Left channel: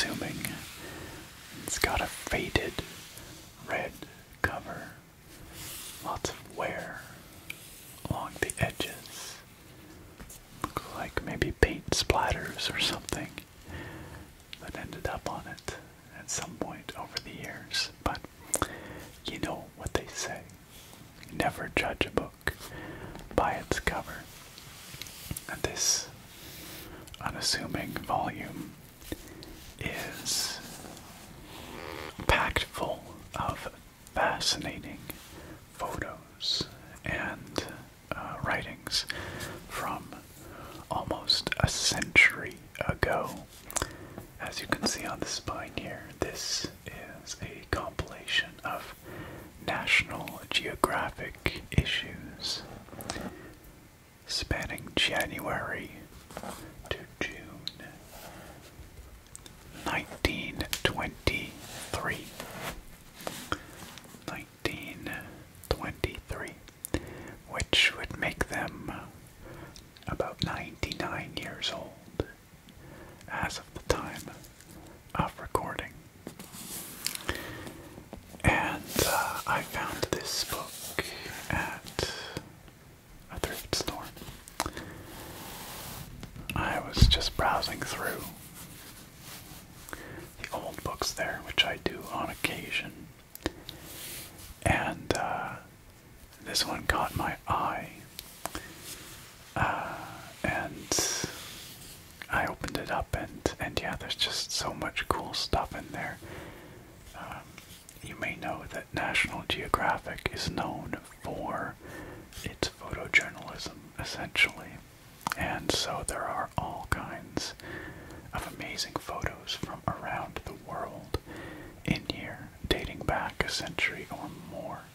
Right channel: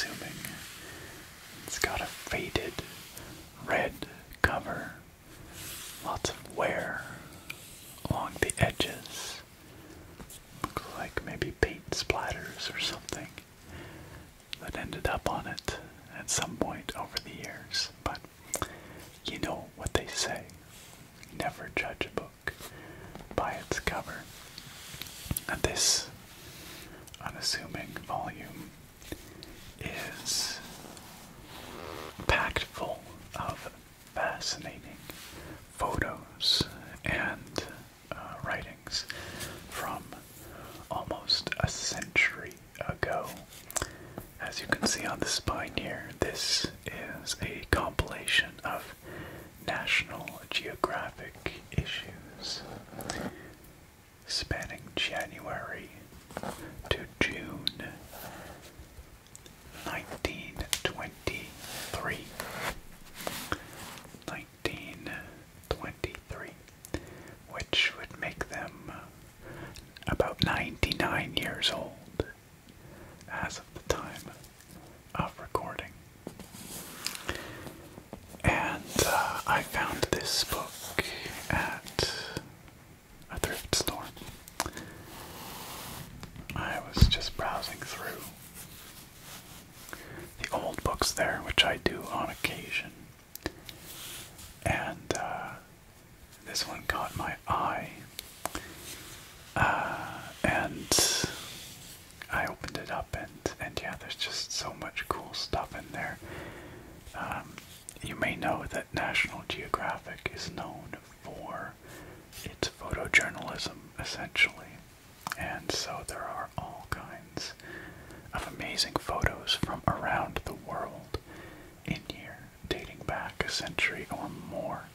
unassuming. It's got a faded red cover, lots of wear along the edges. Looks like maybe paint splatters or something that ended up on it at some point over the years. But you know what they say, never judge a book by its cover. And this unassuming volume is packed full of fascinating photos and writings from almost a century ago. As you can see on the spine here, this is a compilation of National Geographic issues spanning January to June 1923. 1923, which would make them about 99 years old as of the time of recording. And I found this book at a thrift store. I was just browsing through the old books there, which I do on occasion, and this one caught my eye, and I opened it up, and yeah, there's just so much cool stuff in there. You may know that National Geographic is known for its photojournalism, essentially, and so there are all kinds of amazing photos from around the world in here, dating back a century or more.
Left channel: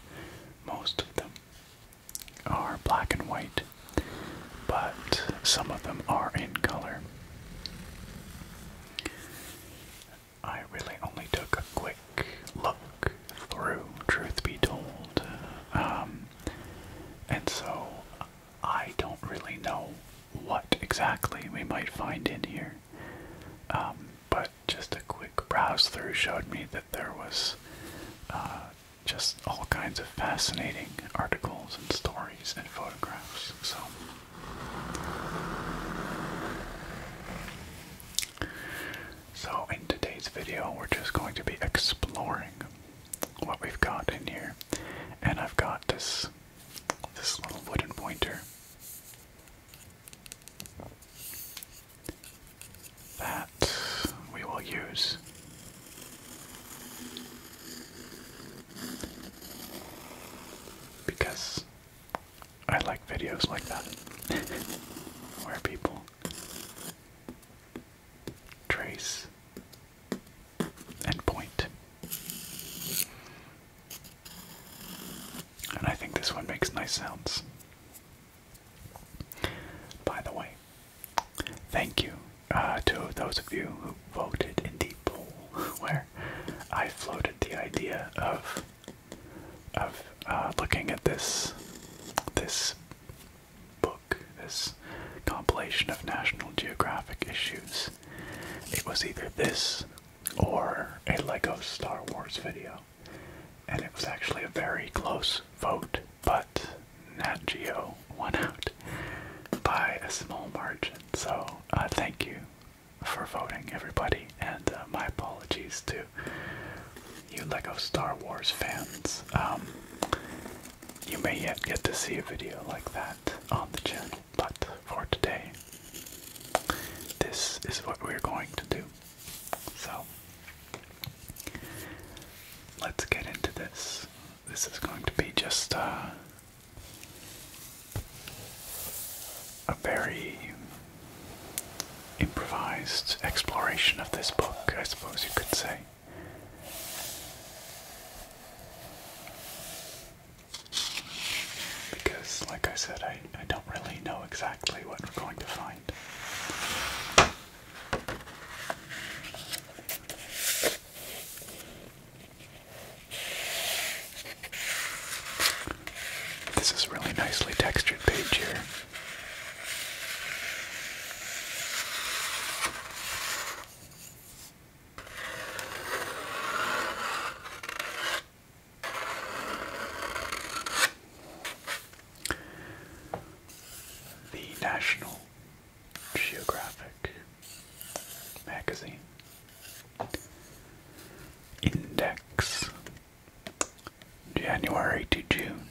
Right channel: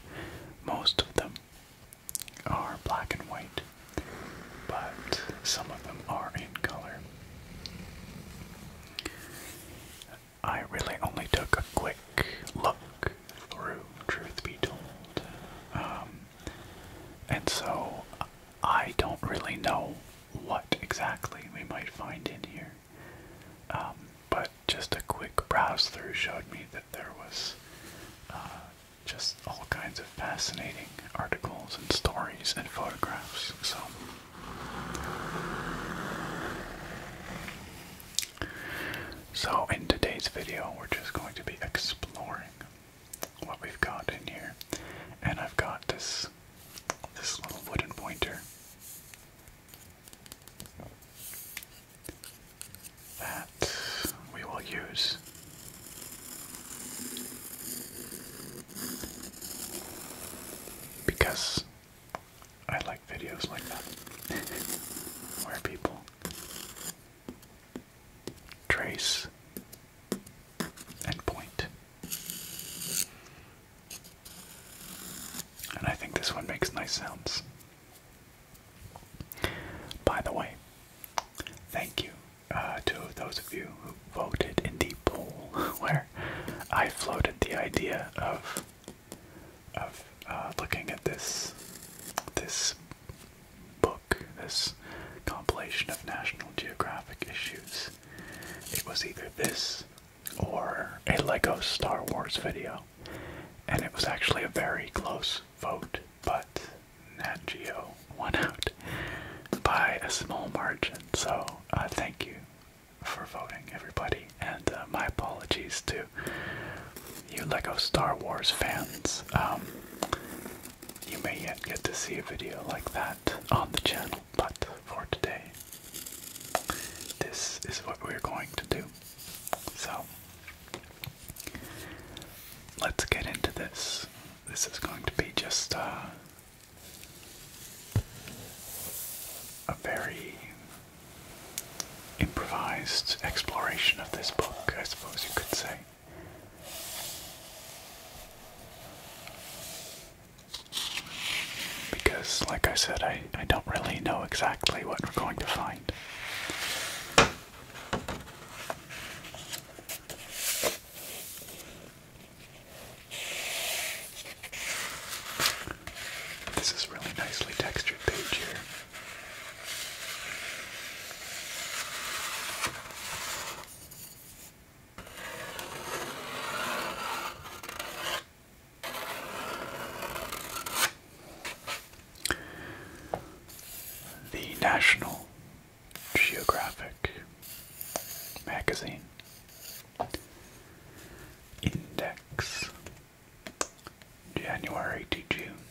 Most of them are black and white, but some of them are in color. I really only took a quick look through, truth be told, and so I don't really know what exactly we might find in here, but just a quick browse through showed me that there was just all kinds of fascinating articles and stories and photographs. So in today's video, we're just going to be exploring what we've got in here, and I've got this little wooden pointer that we will use because I like videos like that where people trace and point. And I think this one makes nice sounds. By the way, thank you to those of you who voted in the poll where I floated the idea of looking at this book, this compilation of National Geographic issues. It was either this or a Lego Star Wars video, and it was actually a very close vote, but Nat Geo won out by a small margin. So thank you for voting, everybody, and my apologies to you Lego Star Wars fans. You may yet get to see a video like that on the channel, but for today, this is what we're going to do. So, let's get into this. This is going to be just a very improvised exploration of this book, I suppose you could say. Because, like I said, I don't really know exactly what we're going to find. This is really nicely textured page here. National Geographic magazine. Index, January to June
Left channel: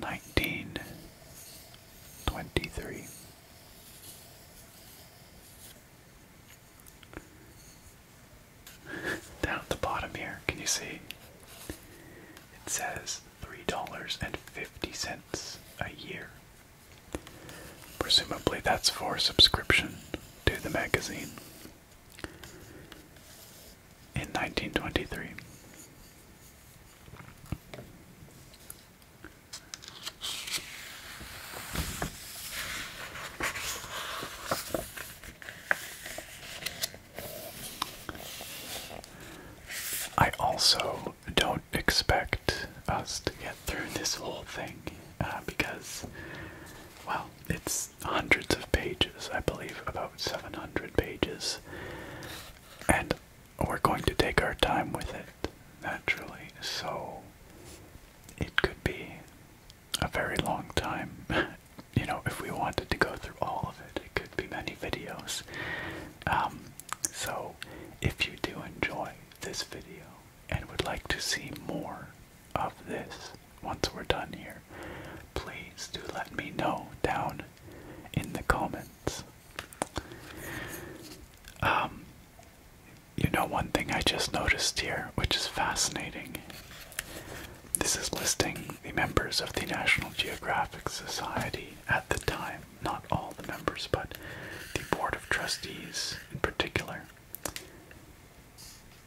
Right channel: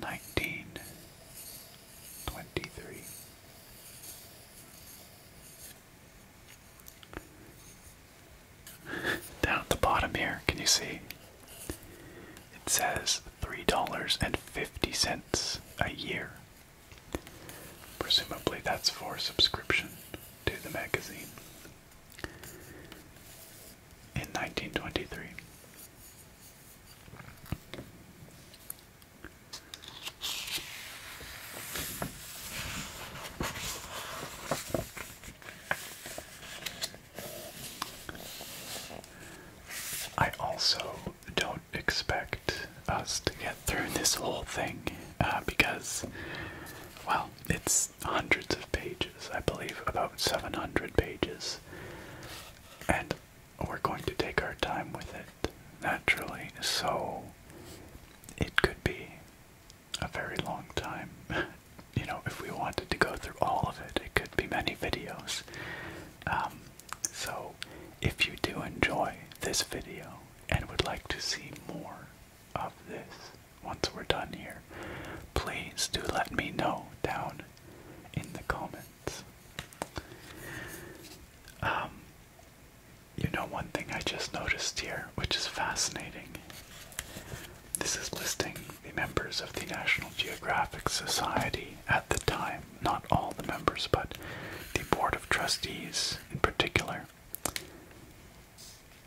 1923. Down at the bottom here, can you see? It says $3.50 a year. Presumably that's for subscription to the magazine. In 1923. I also don't expect us to get through this whole thing because, well, it's hundreds of pages. I believe about 700 pages. And we're going to take our time with it, naturally, so it could be a very long time. You know, if we wanted to go through all of it, it could be many videos. So if you do enjoy this video and would like to see more of this once we're done here, please do let me know down in the comments. You know, one thing I just noticed here, which is fascinating. This is listing the members of the National Geographic Society at the time. Not all the members, but the Board of Trustees in particular.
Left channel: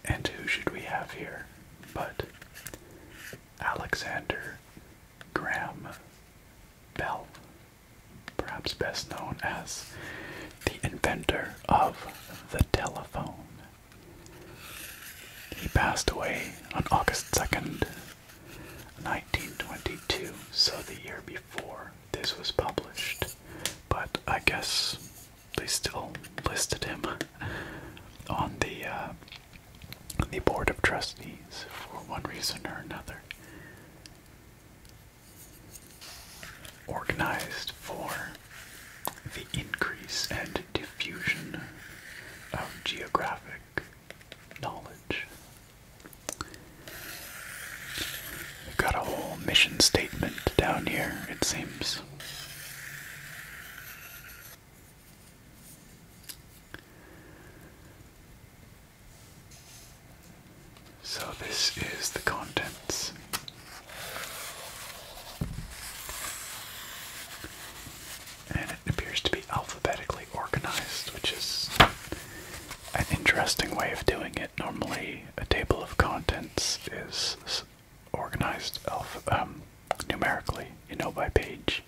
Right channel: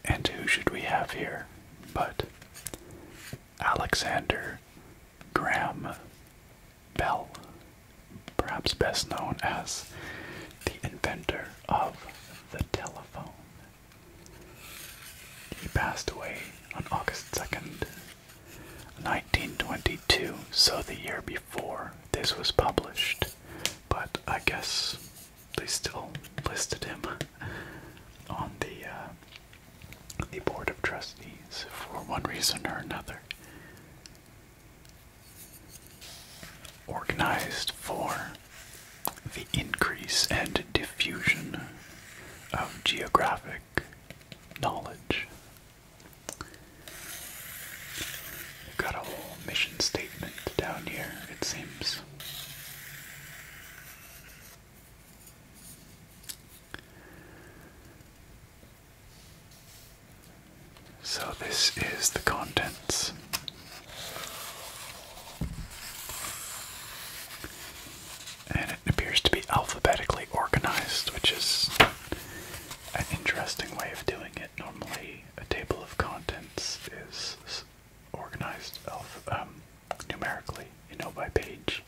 And who should we have here but Alexander Graham Bell, perhaps best known as the inventor of the telephone. He passed away on August 2nd, 1922, so the year before this was published, but I guess they still listed him on the Board of Trustees for one reason or another. Organized for the increase and diffusion of geographic knowledge. We've got a whole mission statement down here, it seems. So this is the contents. And it appears to be alphabetically organized, which is an interesting way of doing it. Normally, a table of contents is organized numerically, you know, by page.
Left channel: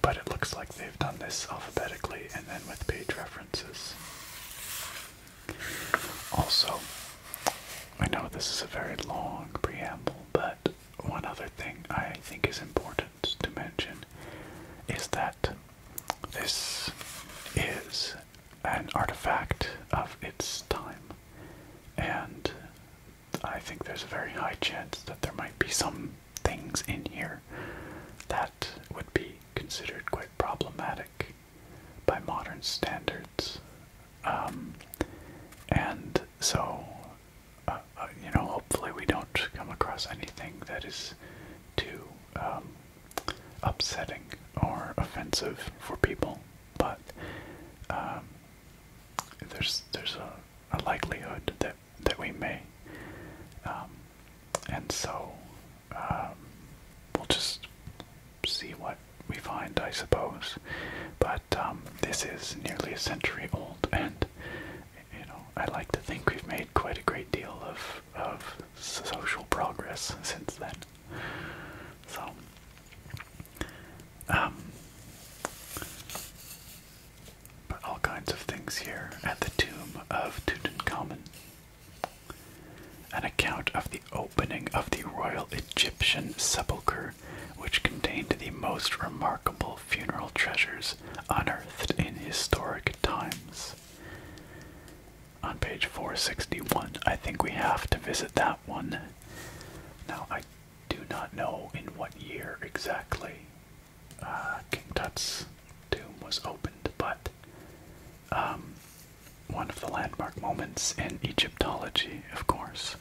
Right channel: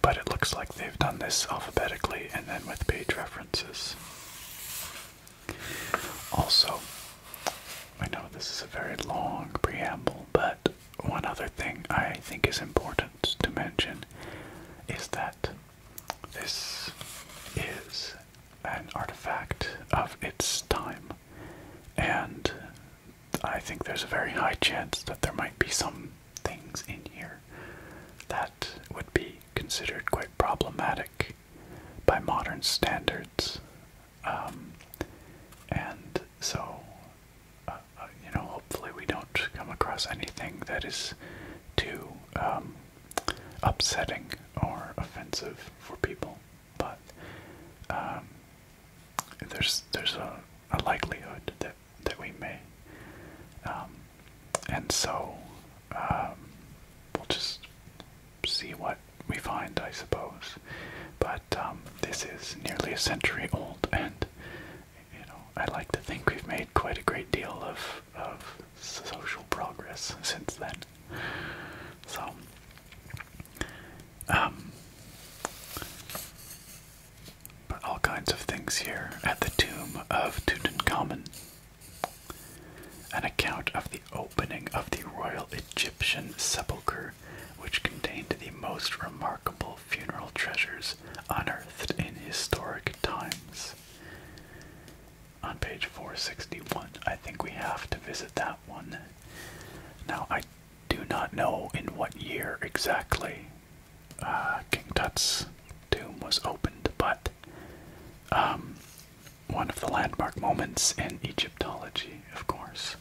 But it looks like they've done this alphabetically and then with page references. Also, I know this is a very long preamble, but one other thing I think is important to mention is that this is an artifact of its time, and I think there's a very high chance that there might be some things in here that would be considered quite problematic by modern standards, and so you know, hopefully we don't come across anything that is too upsetting or offensive for people, but there's a likelihood that we may, and so we'll just see what we find, I suppose. But this is nearly a century old, and you know, I like to think we've made quite a great deal of social progress since then. So, but all kinds of things here at the tomb of Tutankhamun. An account of the opening of the royal Egyptian sepulchre, which contained the most remarkable funeral treasures unearthed in historic times. On page 461, I think we have to visit that one. Now, I do not know in what year exactly King Tut's tomb was opened, but one of the landmark moments in Egyptology, of course,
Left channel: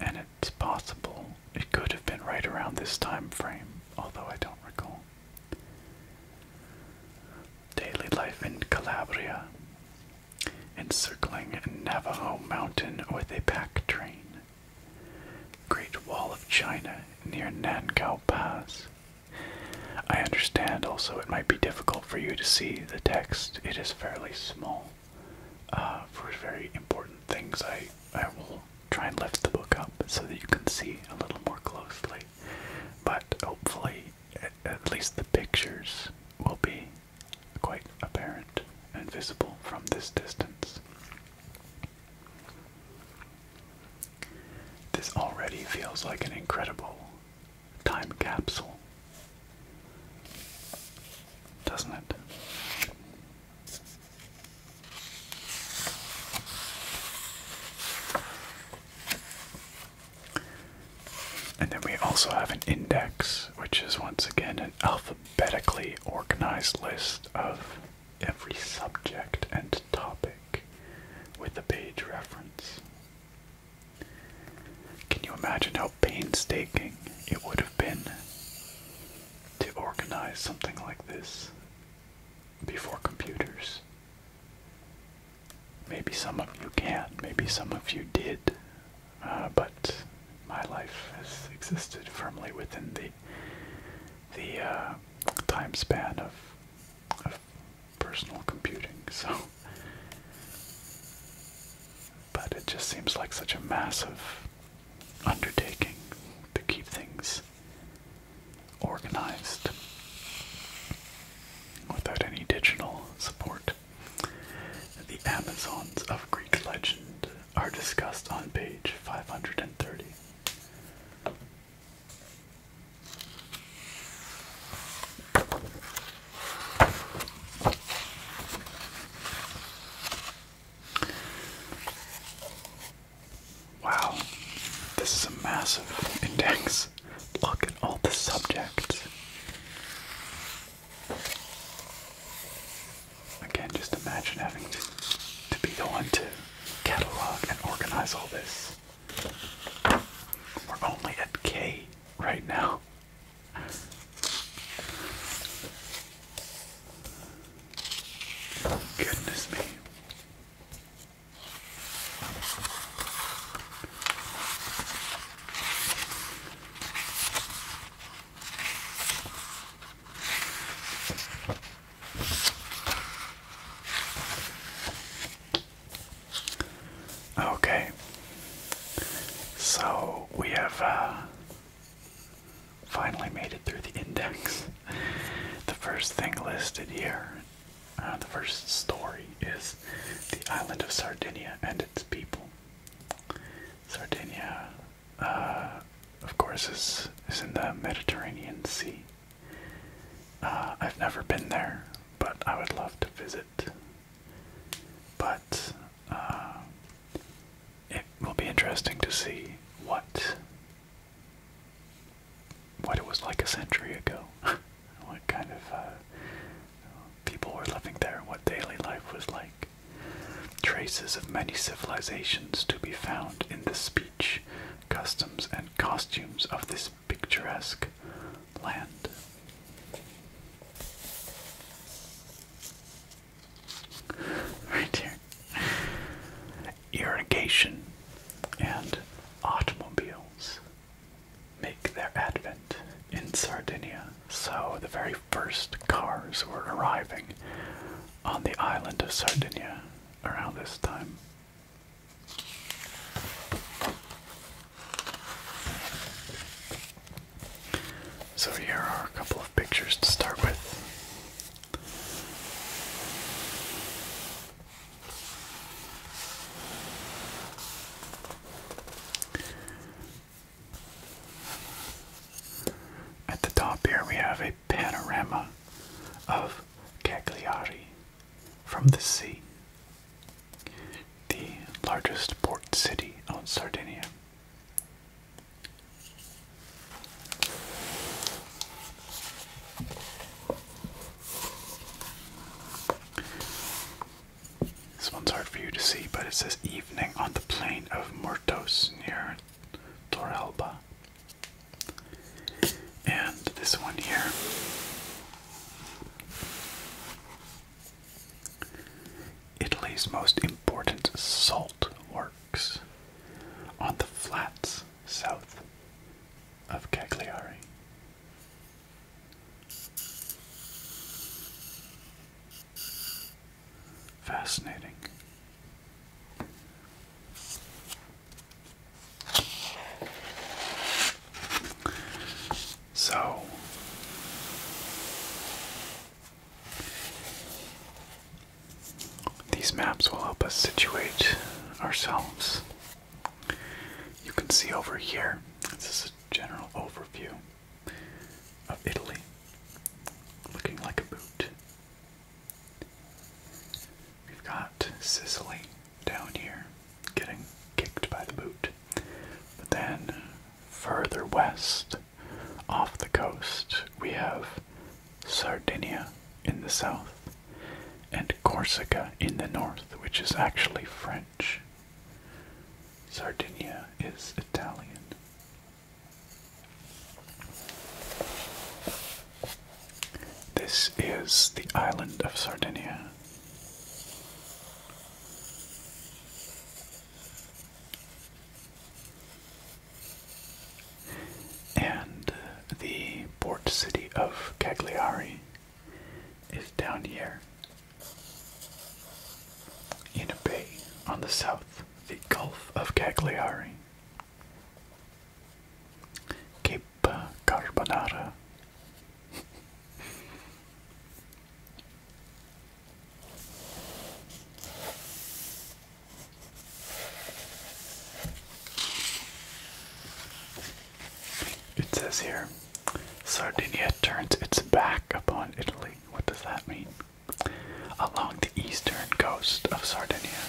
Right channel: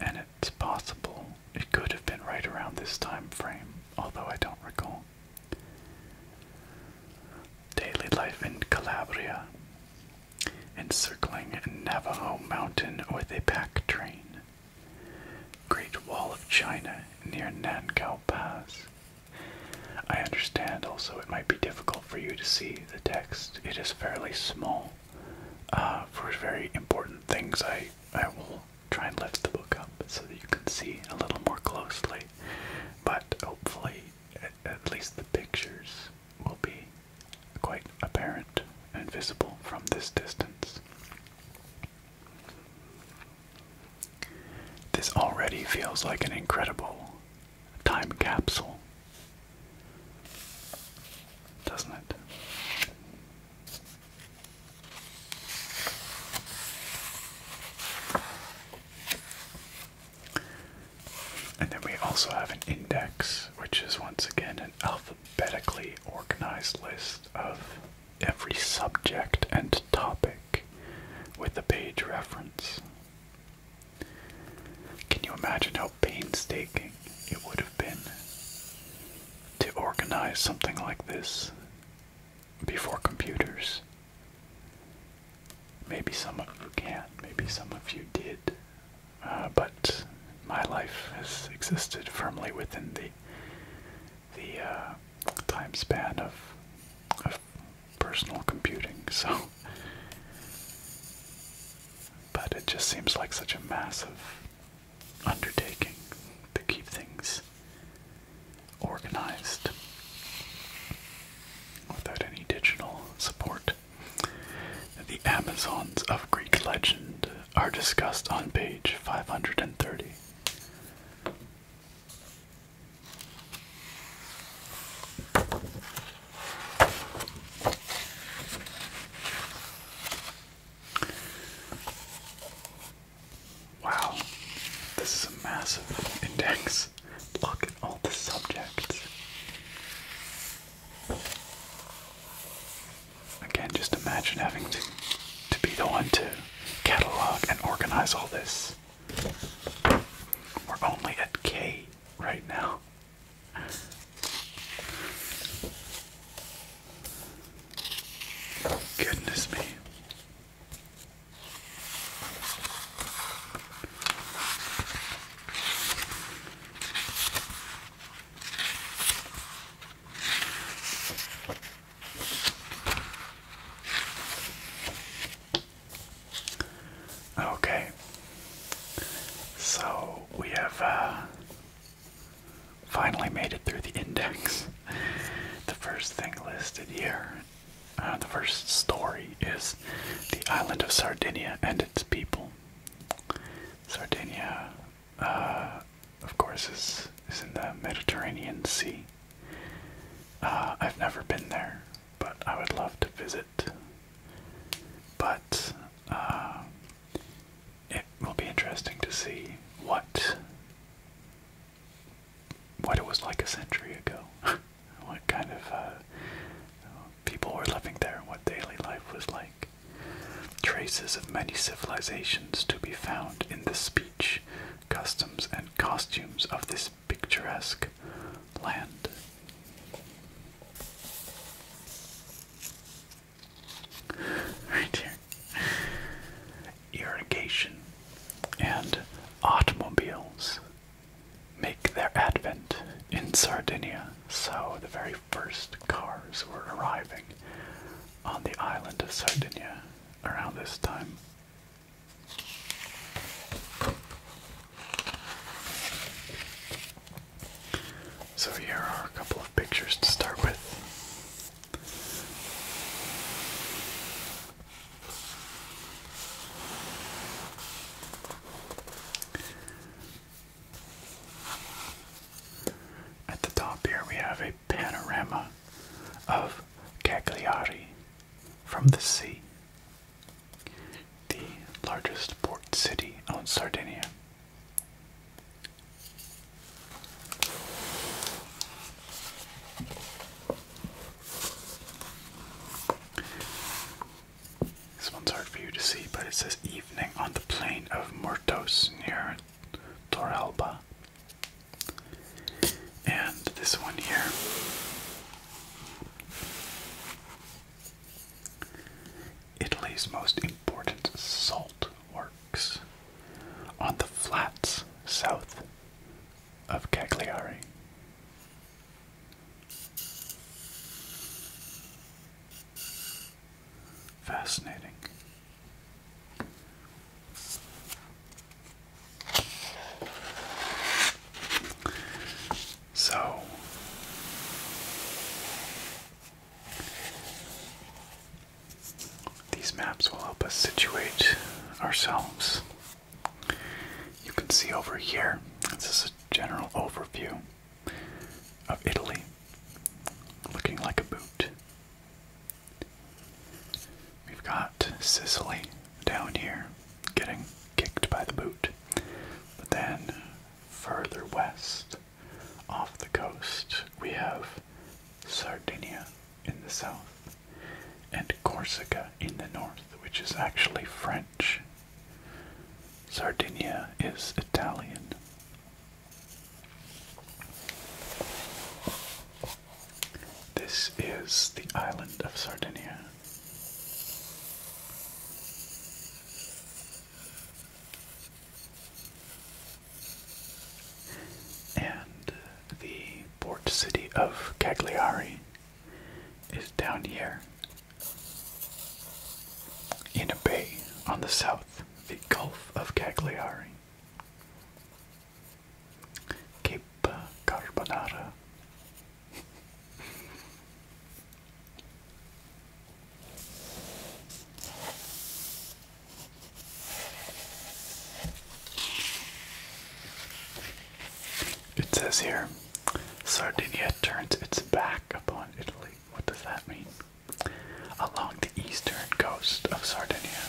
and it's possible it could have been right around this time frame, although I don't recall. Daily life in Calabria, encircling Navajo Mountain with a pack train. Great Wall of China near Nankow Pass. I understand also it might be difficult for you to see the text. It is fairly small. For very important things, I will try and lift the book up so that you can see a little more closely. But hopefully, at least the pictures will be quite apparent and visible from this distance. This already feels like an incredible time capsule, doesn't it? And then we also have an index, which is once again an alphabetically organized list of every subject and topic with a page reference. Can you imagine how painstaking it would have been to organize something like this before computers? Maybe some of you can, maybe some of you did, but my life has existed firmly within the time span of personal computing, so. But it just seems like such a massive undertaking to keep things organized without any digital support. The Amazons of Greek legend are discussed on page 530. Wow, this is a massive index. Look at all the subjects. Again, just imagine having to be the one to catalog and organize all this. We're only at K right now. Goodness me. Okay, so we have finally made it through the index. The first thing listed here, the first story, is the island of Sardinia and its people. Sardinia, of course, is in the Mediterranean Sea. I've never been there, but I would love to visit. But it will be interesting to see what it was like a century ago. What kind of people were living there, what daily life was like. Traces of many civilizations to be found in the speech, customs, and costumes of this picturesque land. Right here. Irrigation and automobiles make their advent in Sardinia, so the very first cars were arriving on the island of Sardinia around this time. So here are a couple of pictures to start with. At the top here we have a panorama of Cagliari from the sea, the largest port city on Sardinia. but it says evening on the plain of Murtos near Torralba. And this one here, Italy's most important salt works on the flats south of Cagliari. Fascinating. So, these maps will help us situate ourselves. You can see over here, this is a general overview of Italy, looking like a boot. We've got Sicily down here, getting kicked by the boot. But then, further west, off the coast, we have Sardinia in the south, and Corsica in the north, which is actually French. Sardinia is Italian. This is the island of Sardinia. And the port city of Cagliari is down here in a bay on the south, the Gulf of Cagliari. Cape Carbonara. It says here, Sardinia turns its back upon Italy. What does that mean? Along the eastern coast of Sardinia.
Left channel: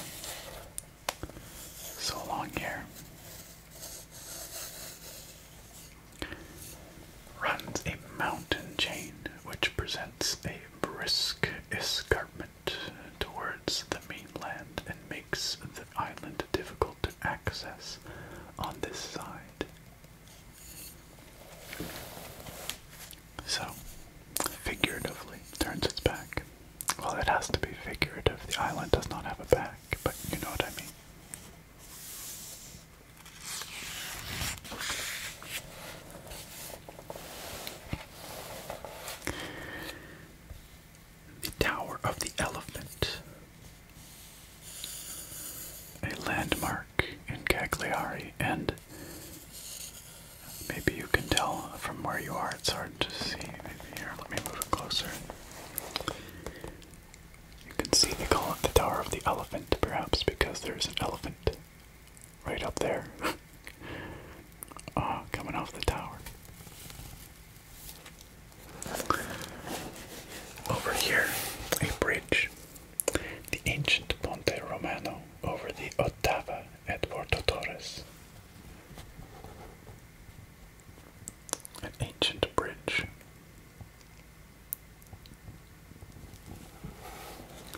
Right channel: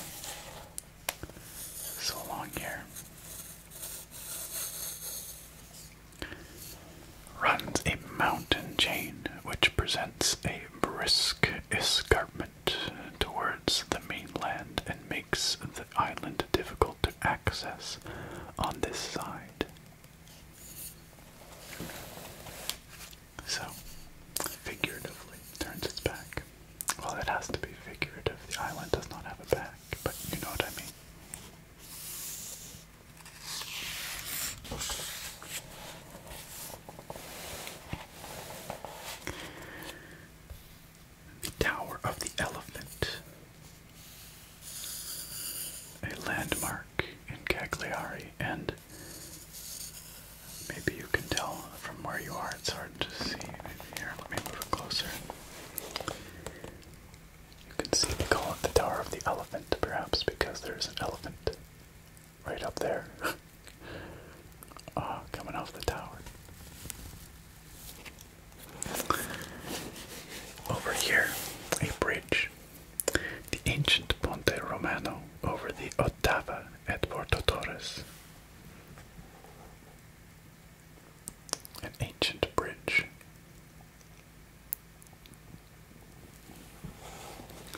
So along here runs a mountain chain which presents a brisk escarpment towards the mainland and makes the island difficult to access on this side. So, figuratively, turns its back. Well, it has to be figurative. The island does not have a back, but you know what I mean. The Tower of the Elephant. A landmark in Cagliari, and maybe you can tell from where you are, it's hard to see. Maybe here, let me move it closer. You can see they call it the Tower of the Elephant, perhaps because there's an elephant right up there. Coming off the tower. Over here, a bridge. The ancient Ponte Romano over the Ottava at Porto Torres. An ancient bridge.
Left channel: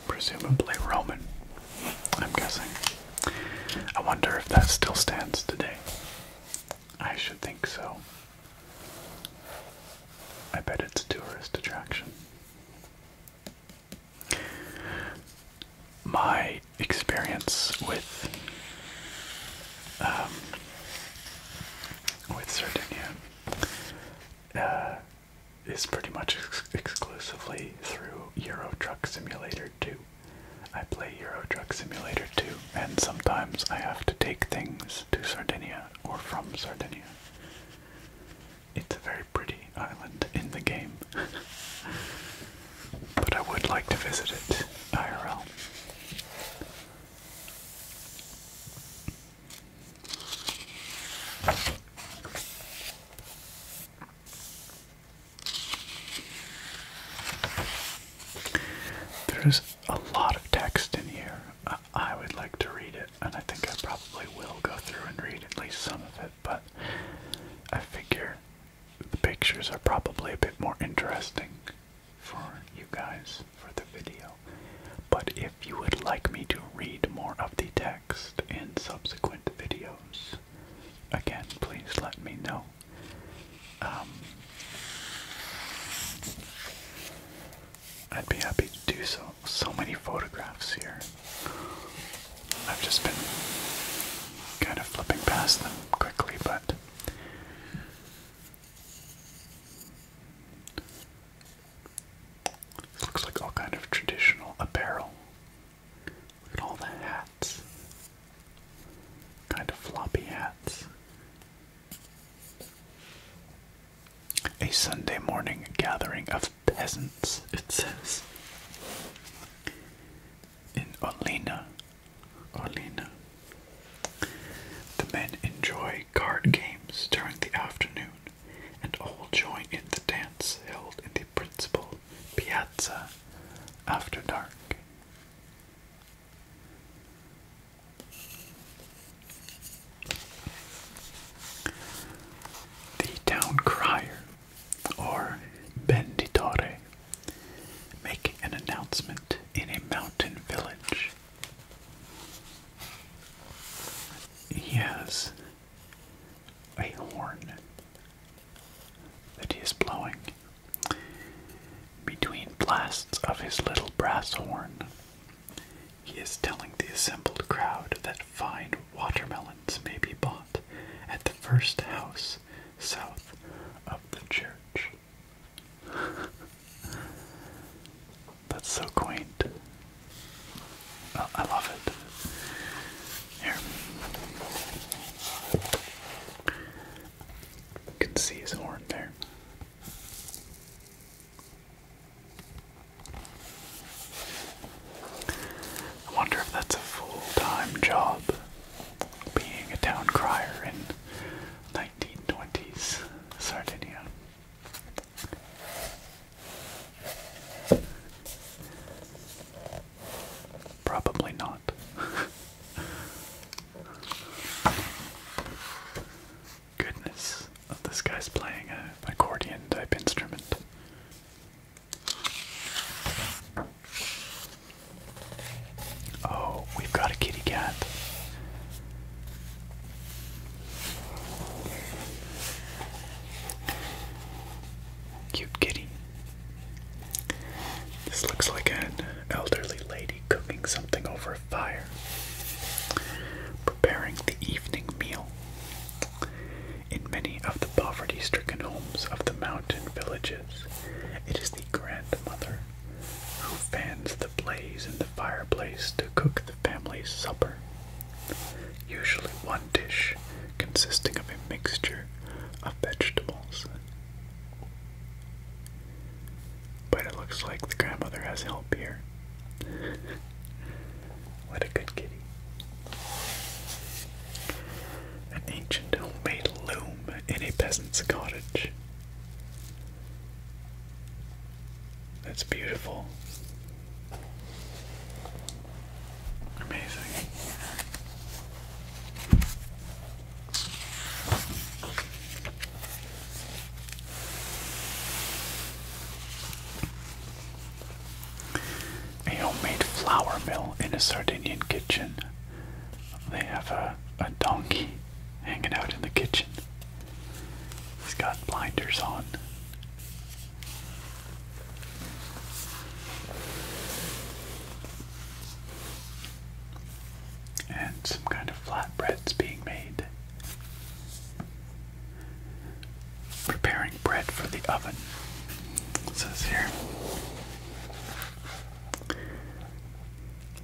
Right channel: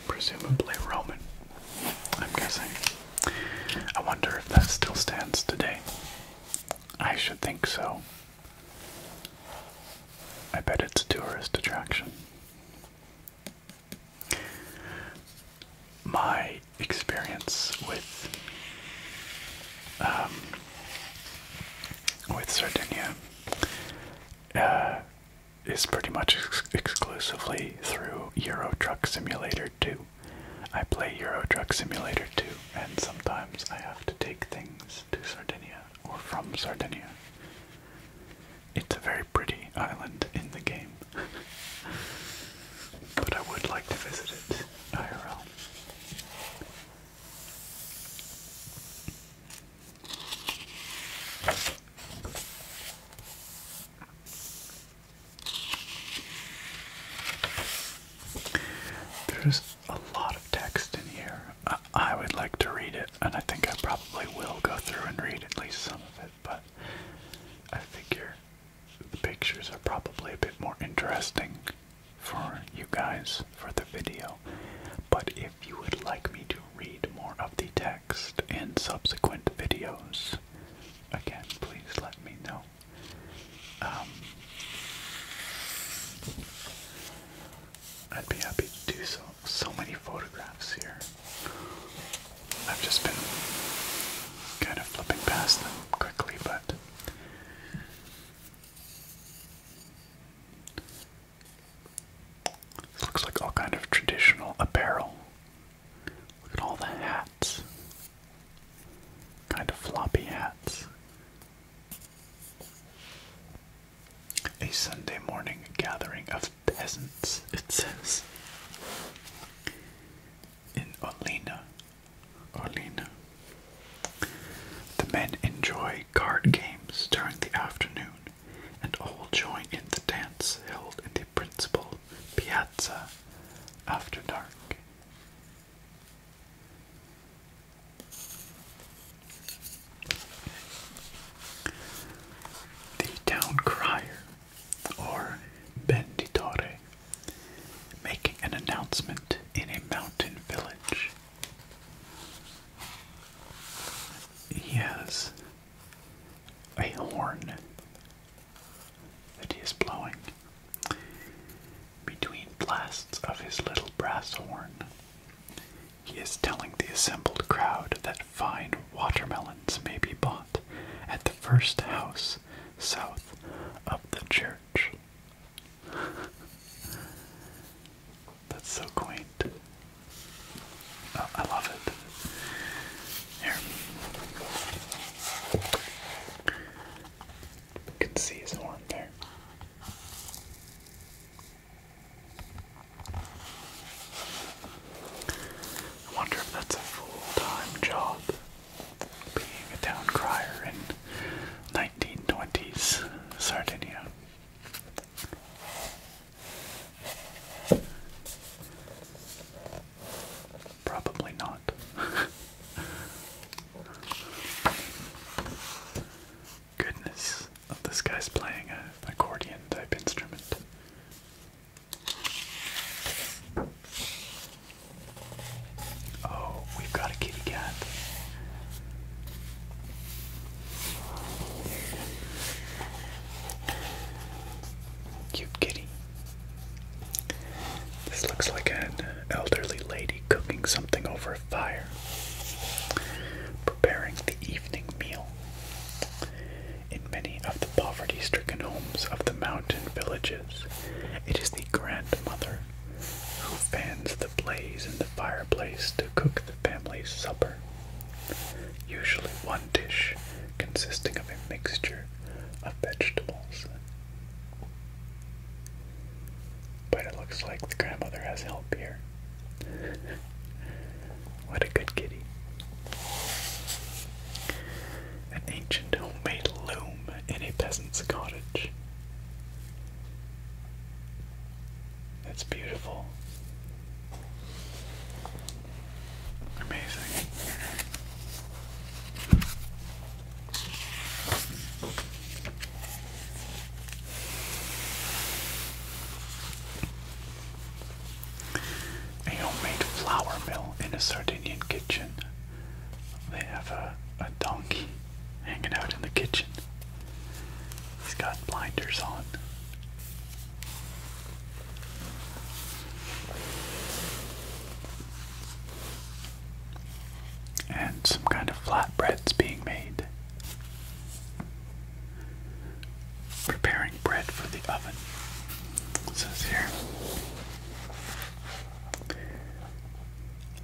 Presumably Roman, I'm guessing. I wonder if that still stands today. I should think so. I bet it's a tourist attraction. My experience with Sardinia is pretty much exclusively through Euro Truck Simulator 2. I play Euro Truck Simulator 2, and sometimes I have to take things to Sardinia or from Sardinia. It's a very pretty island in the game, but I would like to visit it IRL. There's a lot of text in here. I would like to read it, and I think I probably will go through and read at least some of it, but I figure the pictures are probably a bit more interesting for you guys for the video. But if you would like me to read more of the text in subsequent videos, again, please let me know. I'd be happy to do so. So many photographs here. I've just been kind of flipping past them quickly, but this looks like all kind of traditional apparel. Look at all the hats. Kind of floppy hats. A Sunday morning gathering of peasants, it says. In Olina. The men enjoy card games during the afternoon, and all join in the dance held in the principal piazza after dark. The town crier, or venditore, making an announcement in a mountain village. He has a horn that he is blowing. Between blasts of his little brass horn, he is telling the assembled crowd that fine watermelons may be bought at the first house south of the church. That's so quaint. Oh, I love it. Here. You can see his horn there. I wonder if that's a full-time job, being a town crier in 1920s Sardinia. Probably not. Goodness. Oh, this guy's playing an accordion type instrument. Oh, we've got a kitty cat. Cute kitty. This looks like an elderly lady cooking something over a fire, preparing the evening meal. In many of the poverty-stricken homes of the mountain villages, it is the grandmother who fans the blaze in the fireplace to cook the family's supper. Usually one dish consisting of a mixture of vegetables. But it looks like the grandmother has help here. What a good kitty. An ancient homemade loom in a peasant's cottage. That's beautiful. Amazing. A homemade flour mill in a Sardinian kitchen. They have a donkey hanging out in the kitchen. He's got blinders on. And some kind of flatbreads being made. Preparing bread for the oven. It says here.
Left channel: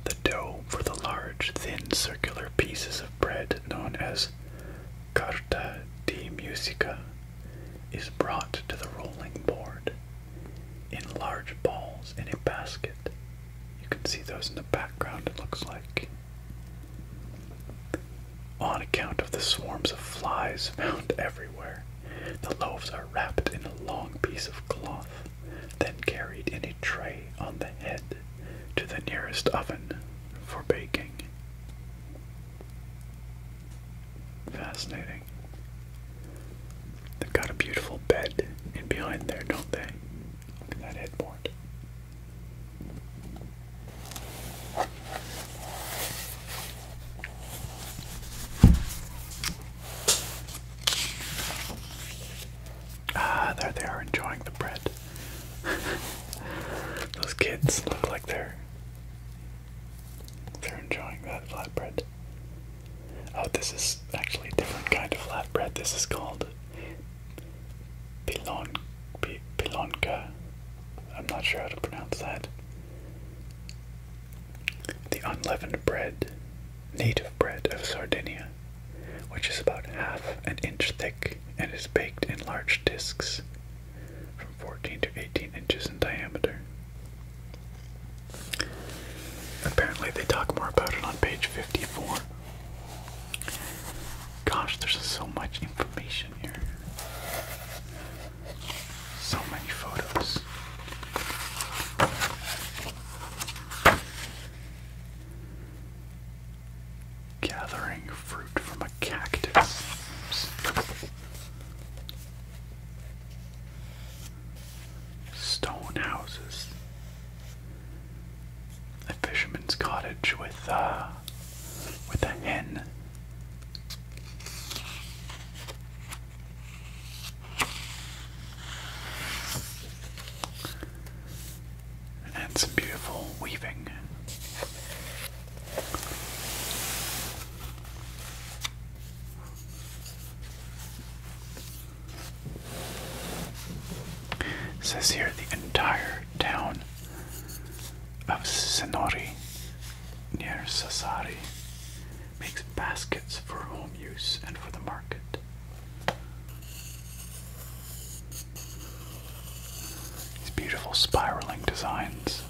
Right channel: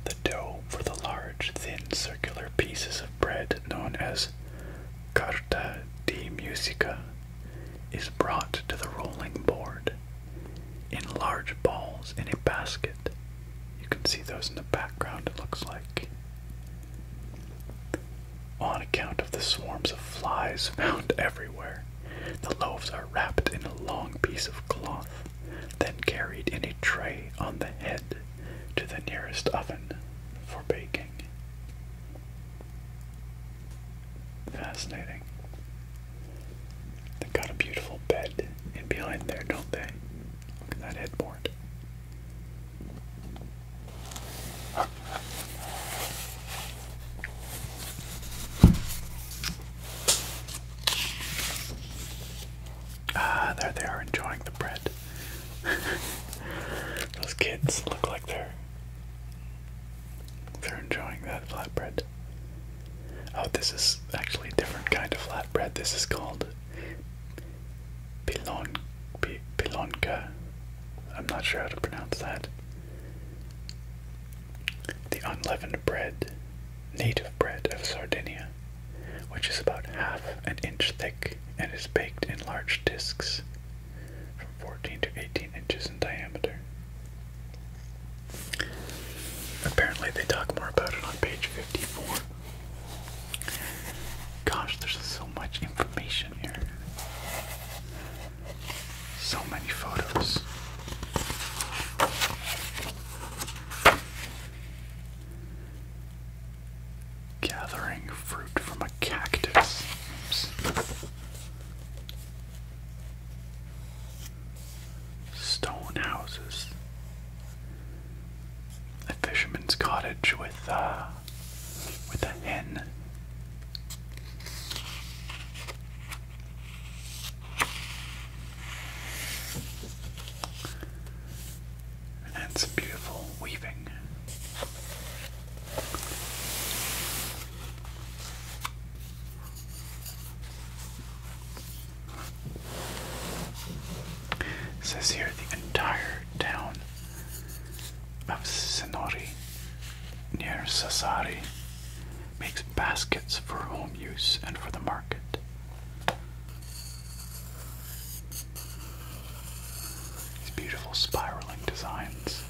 The dough for the large, thin, circular pieces of bread known as carta di musica is brought to the rolling board in large balls in a basket. You can see those in the background, it looks like. On account of the swarms of flies found everywhere, the loaves are wrapped in a long piece of cloth, then carried in a tray on the head to the nearest oven for baking. Fascinating. They've got a beautiful bed in behind there, don't they? Look at that headboard. Ah, there they are enjoying the bread. Those kids look like they're enjoying that flatbread. Oh, this is actually a different kind of flatbread. This is called pilonka. I'm not sure how to pronounce that. The unleavened bread, native bread of Sardinia, which is about half an inch thick and is baked in large discs from 14 to 18 inches in diameter. Apparently they talk more about it on page 54. Gosh, there's so much information here. So many photos. Gathering fruit from a cactus. Oops. Stone houses. A fisherman's cottage with a hen. And some beautiful weaving. It says here the entire town of Sonori near Sassari makes baskets for home use and for the market. These beautiful spiraling designs.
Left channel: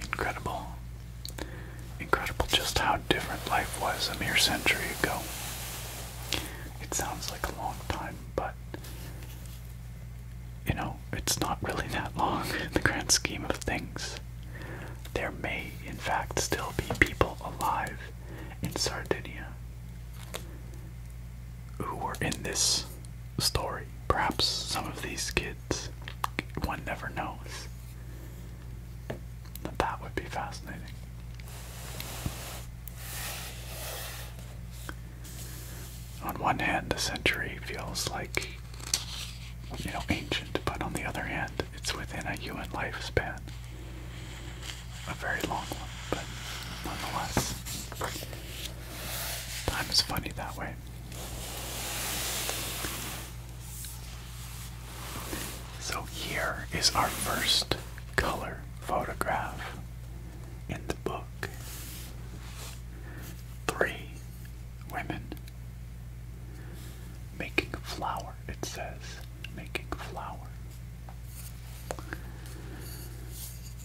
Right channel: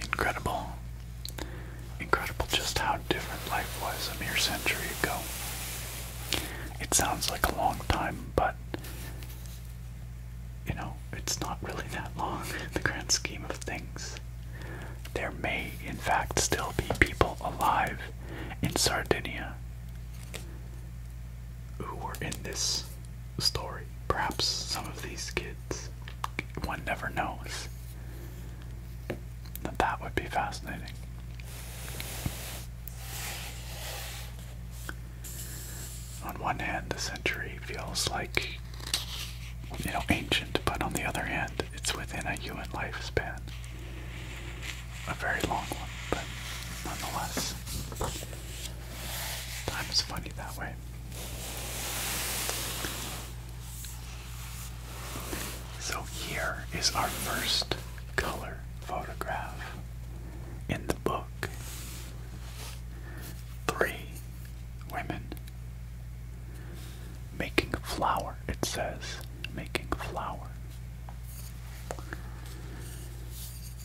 Incredible. Incredible just how different life was a mere century ago. It sounds like a long time, but you know, it's not really that long in the grand scheme of things. There may, in fact, still be people alive in Sardinia who were in this story. Perhaps some of these kids. One never knows. That would be fascinating. On one hand, the century feels like, you know, ancient, but on the other hand, it's within a human lifespan. A very long one, but nonetheless. Time is funny that way. So here is our first color photograph in the book. 3 women making flour, it says. Making flour.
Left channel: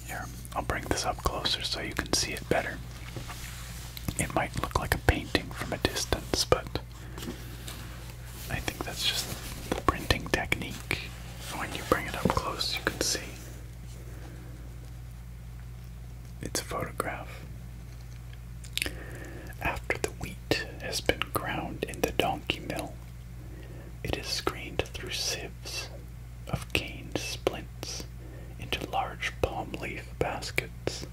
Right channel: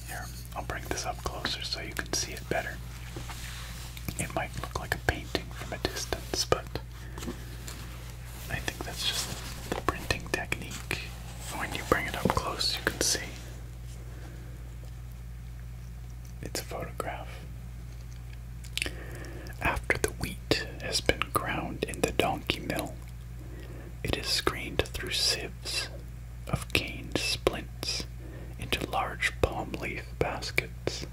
Here, I'll bring this up closer so you can see it better. It might look like a painting from a distance, but I think that's just printing technique. When you bring it up close, you can see. It's a photograph. After the wheat has been ground in the donkey mill, it is screened through sieves of cane splints into large palm leaf baskets.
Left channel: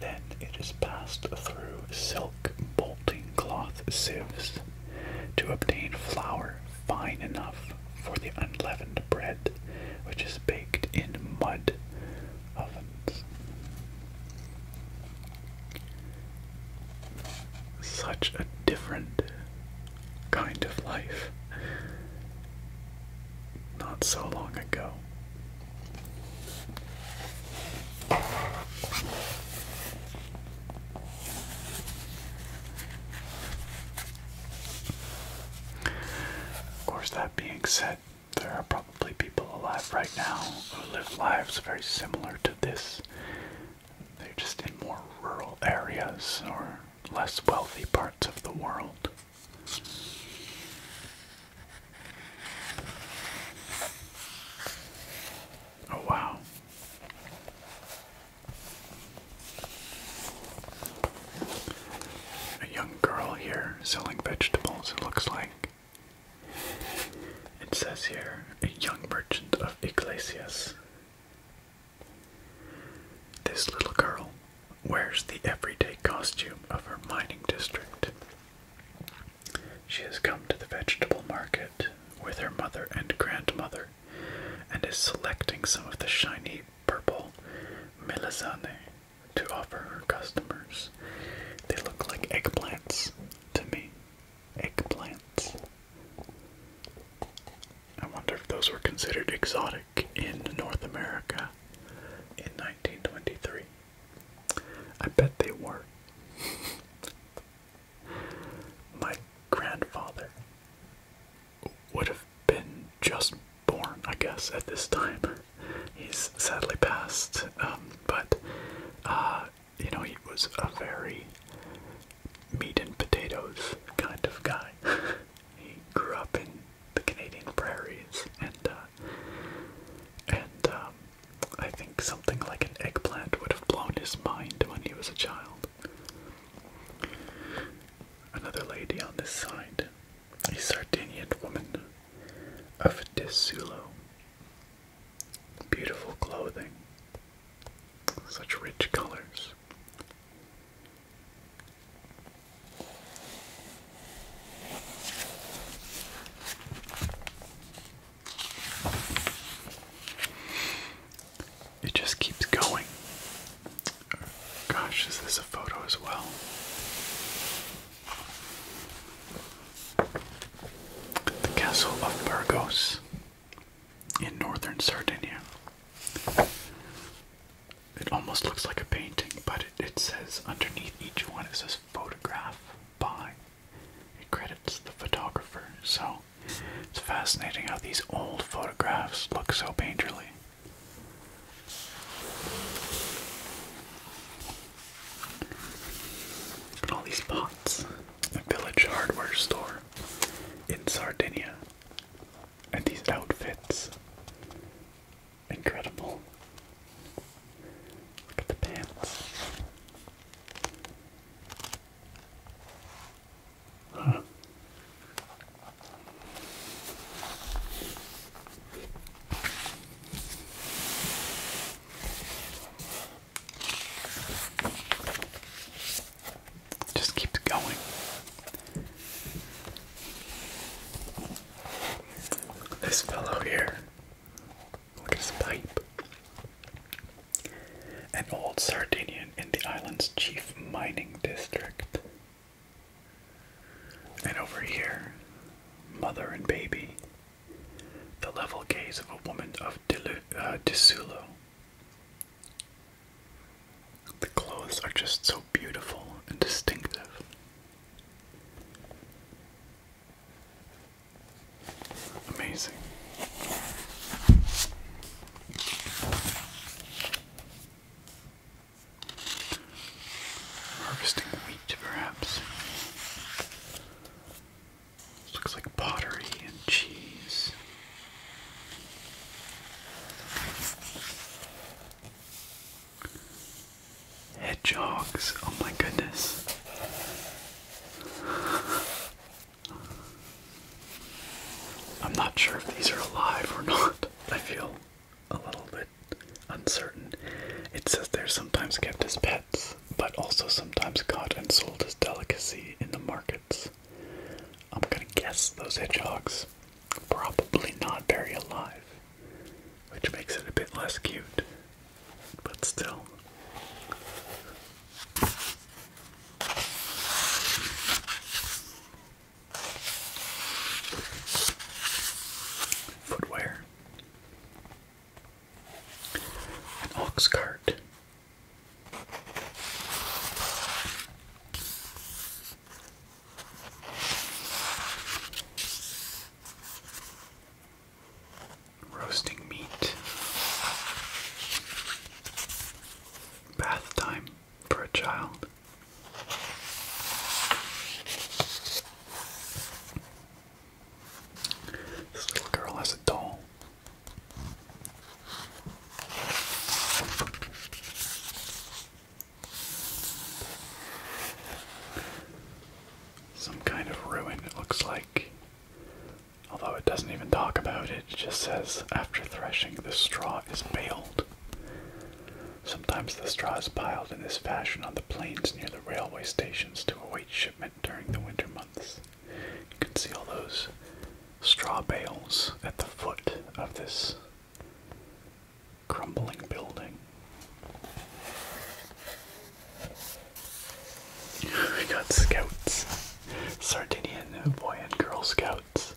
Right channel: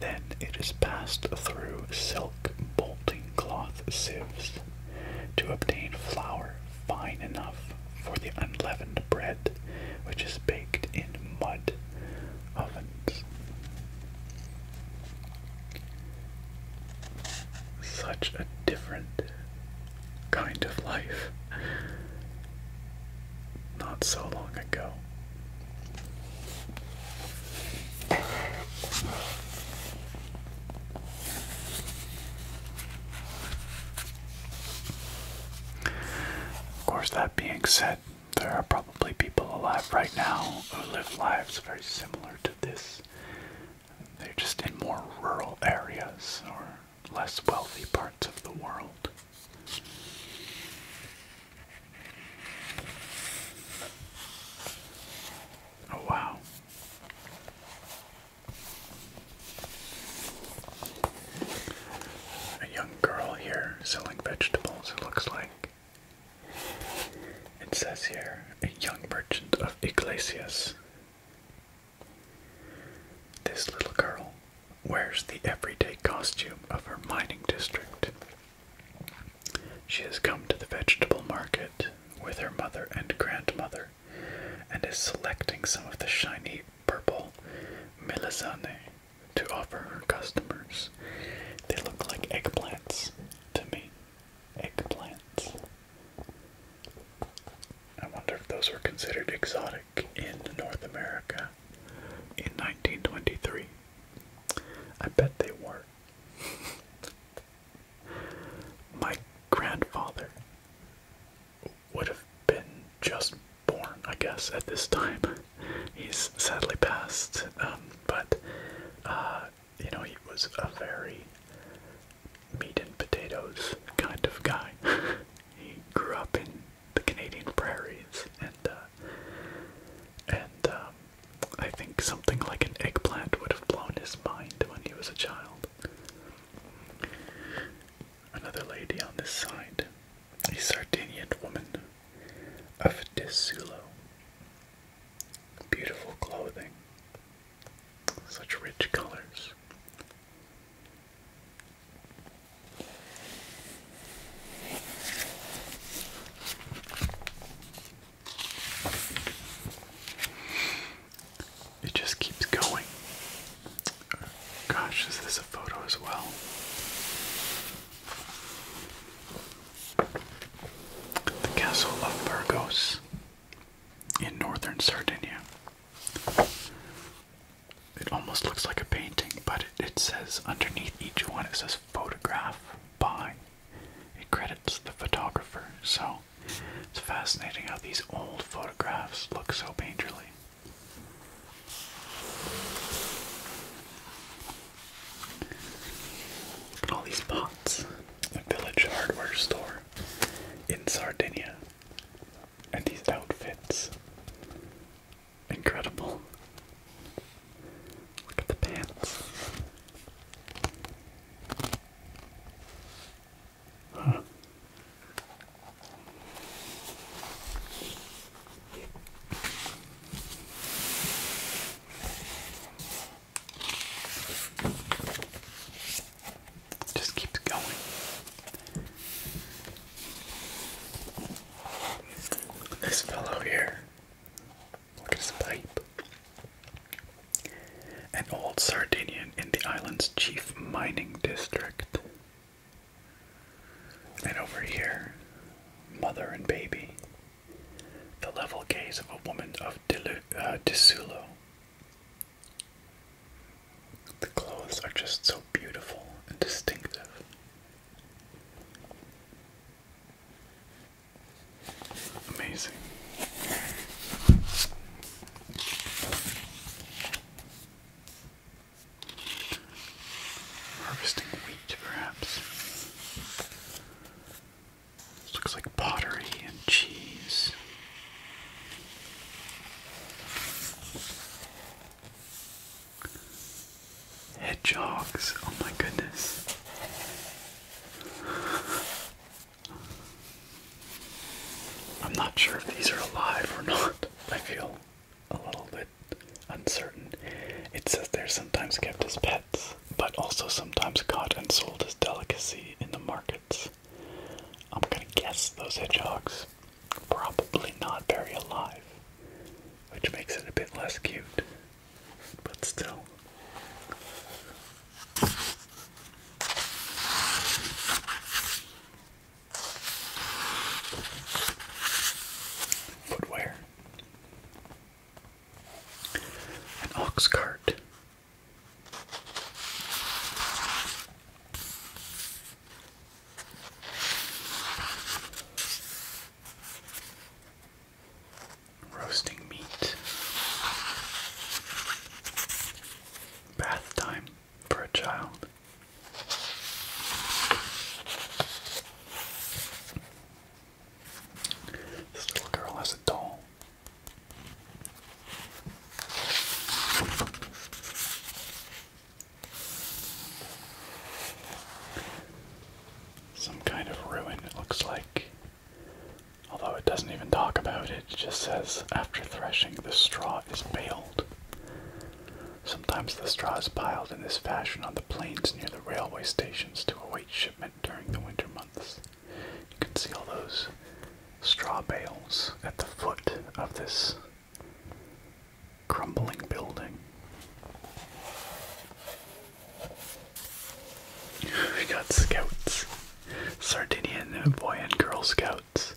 Then it is passed through silk bolting cloth sieves to obtain flour fine enough for the unleavened bread, which is baked in mud ovens. Such a different kind of life not so long ago. Of course, that being said, there are probably people alive right now who live lives very similar to this. They're just in more rural areas or less wealthy parts of the world. Oh wow. A young girl here selling vegetables, it looks like. It says here, a young merchant of Iglesias. This little girl wears the everyday costume of her mining district. She has come to the vegetable market with her mother and grandmother and is selecting some of the shiny purple melanzane to offer her customers. They look like eggplants to me. Eggplants. I wonder if those were considered exotic in North America in 1923. I bet they were. My grandfather would have been just born, I guess, at this time. He's sadly passed, but you know, he was a very meat and potatoes kind of guy. He grew up in the Canadian prairies, and I think something like an eggplant would have blown his mind when he was a child. Another lady on this side, a Sardinian woman of Disulo. Beautiful clothing, such rich colors. It just keeps going. Gosh, is this a photo as well? The castle of Burgos in northern Sardinia. It almost looks like a painting, but it says underneath each one, it says photograph by. It credits the photographer, so it's fascinating how these old photographs look so painterly. Look at all these pots. A village hardware store in Sardinia. And these outfits. Incredible. Look at the pants. Huh. Just keeps going. This fellow here, look at his pipe. An old Sardinian in the island's chief mining district. And over here, mother and baby. The level gaze of a woman of Disulo. The clothes are just so beautiful and distinctive. Amazing. Harvesting wheat, perhaps. This looks like pottery and cheese. Hedgehogs, oh my goodness. I'm not sure if these are alive or not. I feel a little bit uncertain. It says they're sometimes kept as pets, but also sometimes caught and sold as delicacy in the markets. I'm gonna guess those hedgehogs probably not very alive, which makes it a bit less cute, but still. Footwear. An ox cart. Roasting meat. Bath time for a child. This little girl has a doll. Some kind of ruin, it looks like. Although it doesn't even talk about it, it just says, after threshing, the straw is baled. Sometimes the straw is piled in this fashion on the plains near the railway stations to shipment during the winter months. You can see all those straw bales at the foot of this crumbling building. We got scouts, Sardinian boy and girl scouts.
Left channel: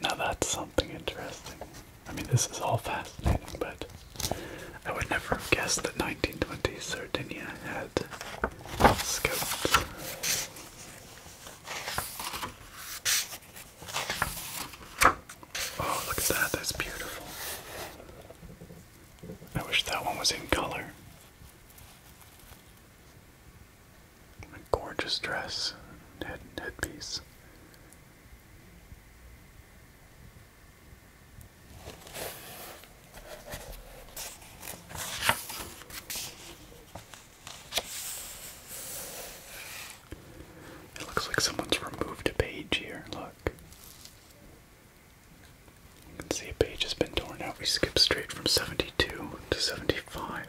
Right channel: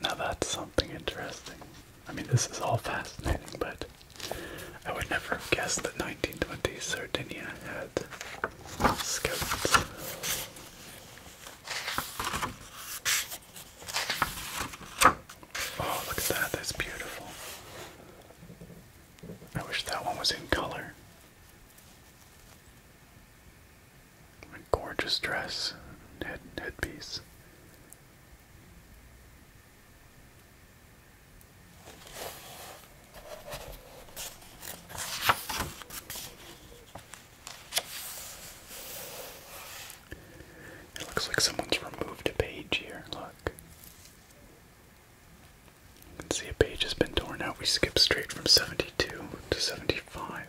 Now that's something interesting. I mean, this is all fascinating, but I would never have guessed that 1920 Sardinia had scouts. Oh, look at that, that's beautiful. I wish that one was in color. A gorgeous dress, headpiece. It looks like someone's removed a page here, look. You can see a page has been torn out. We skipped straight from 72 to 75.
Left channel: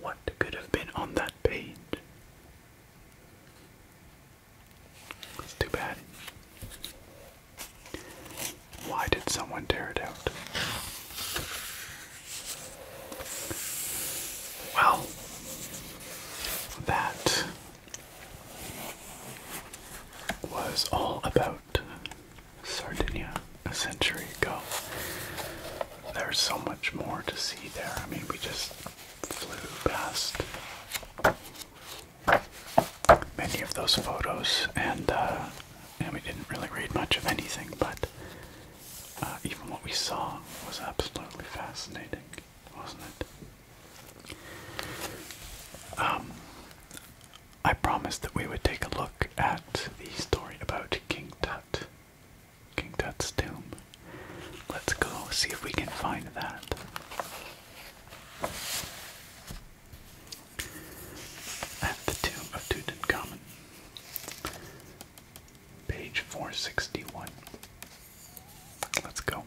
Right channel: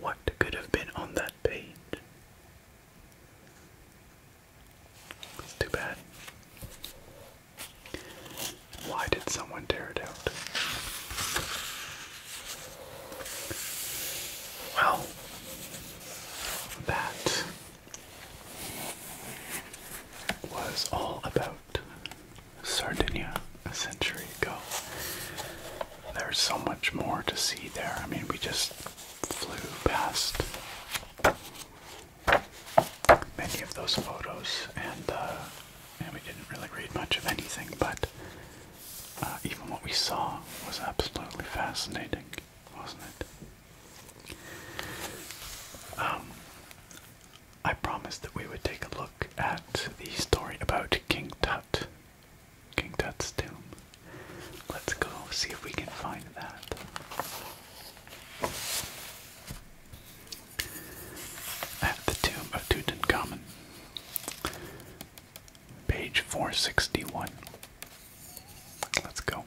What could have been on that page? That's too bad. Why did someone tear it out? Well, that was all about Sardinia a century ago. There's so much more to see there. I mean, we just flew past many of those photos, and we didn't really read much of anything, but even what we saw was absolutely fascinating, wasn't it? I promised that we would take a look at the story about King Tut, King Tut's tomb. Let's go see if we can find that. At the tomb of Tutankhamun, page 461. Let's go.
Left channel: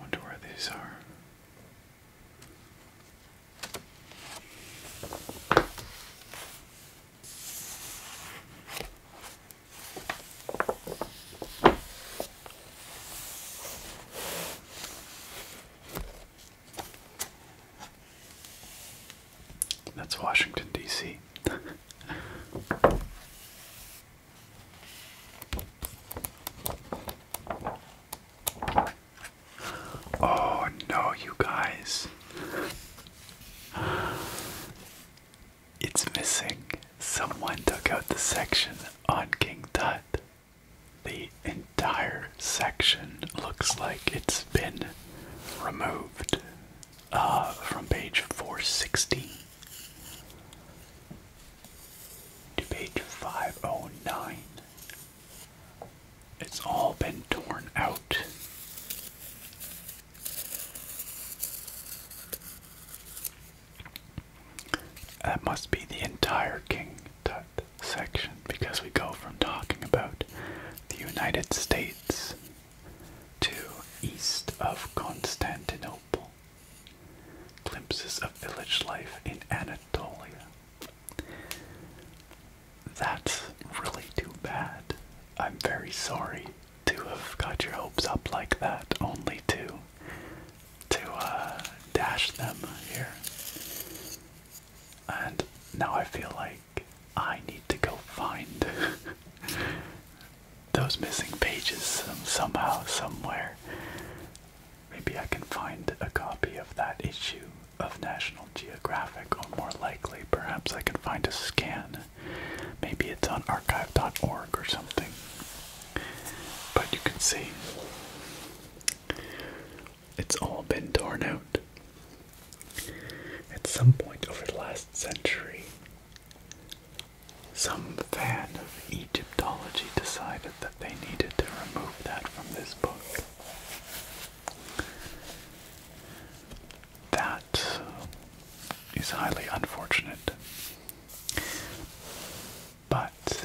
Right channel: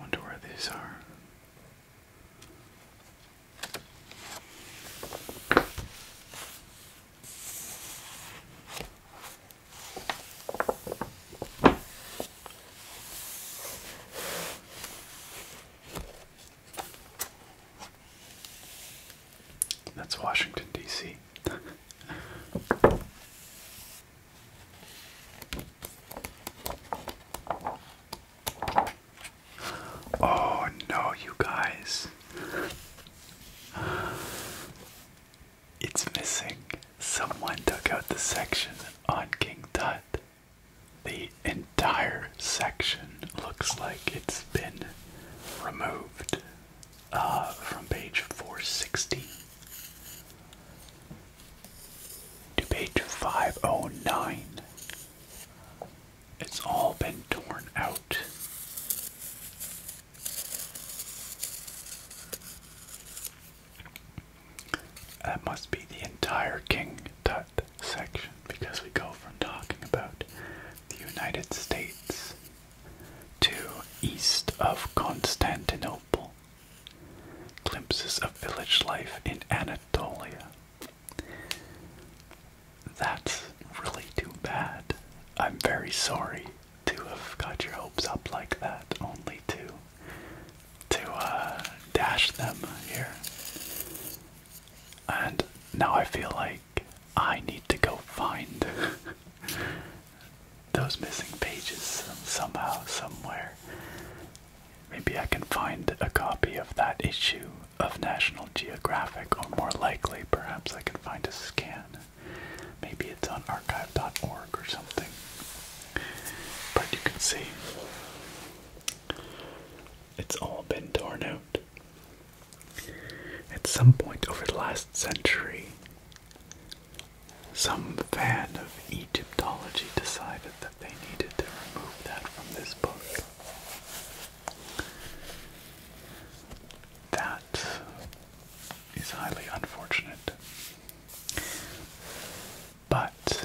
Wonder where these are. That's Washington, D.C. Oh no, you guys. It's missing. Someone took out the section on King Tut. The entire section looks like it's been removed from page 460 to page 509. It's all been torn out. That must be the entire King Tut section, because we go from talking about the United States to east of Constantinople. Glimpses of village life in Anatolia. That's really too bad. I'm very sorry to have got your hopes up like that, only to dash them here. And now I feel like I need to go find those missing pages somehow, somewhere. Maybe I can find a copy of that issue of National Geographic, or more likely, perhaps I can find a scan. Maybe it's on archive.org or something. But you can see, it's all been torn out. At some point over the last century, some fan of Egyptology decided that they needed to remove that from this book. That is highly unfortunate. But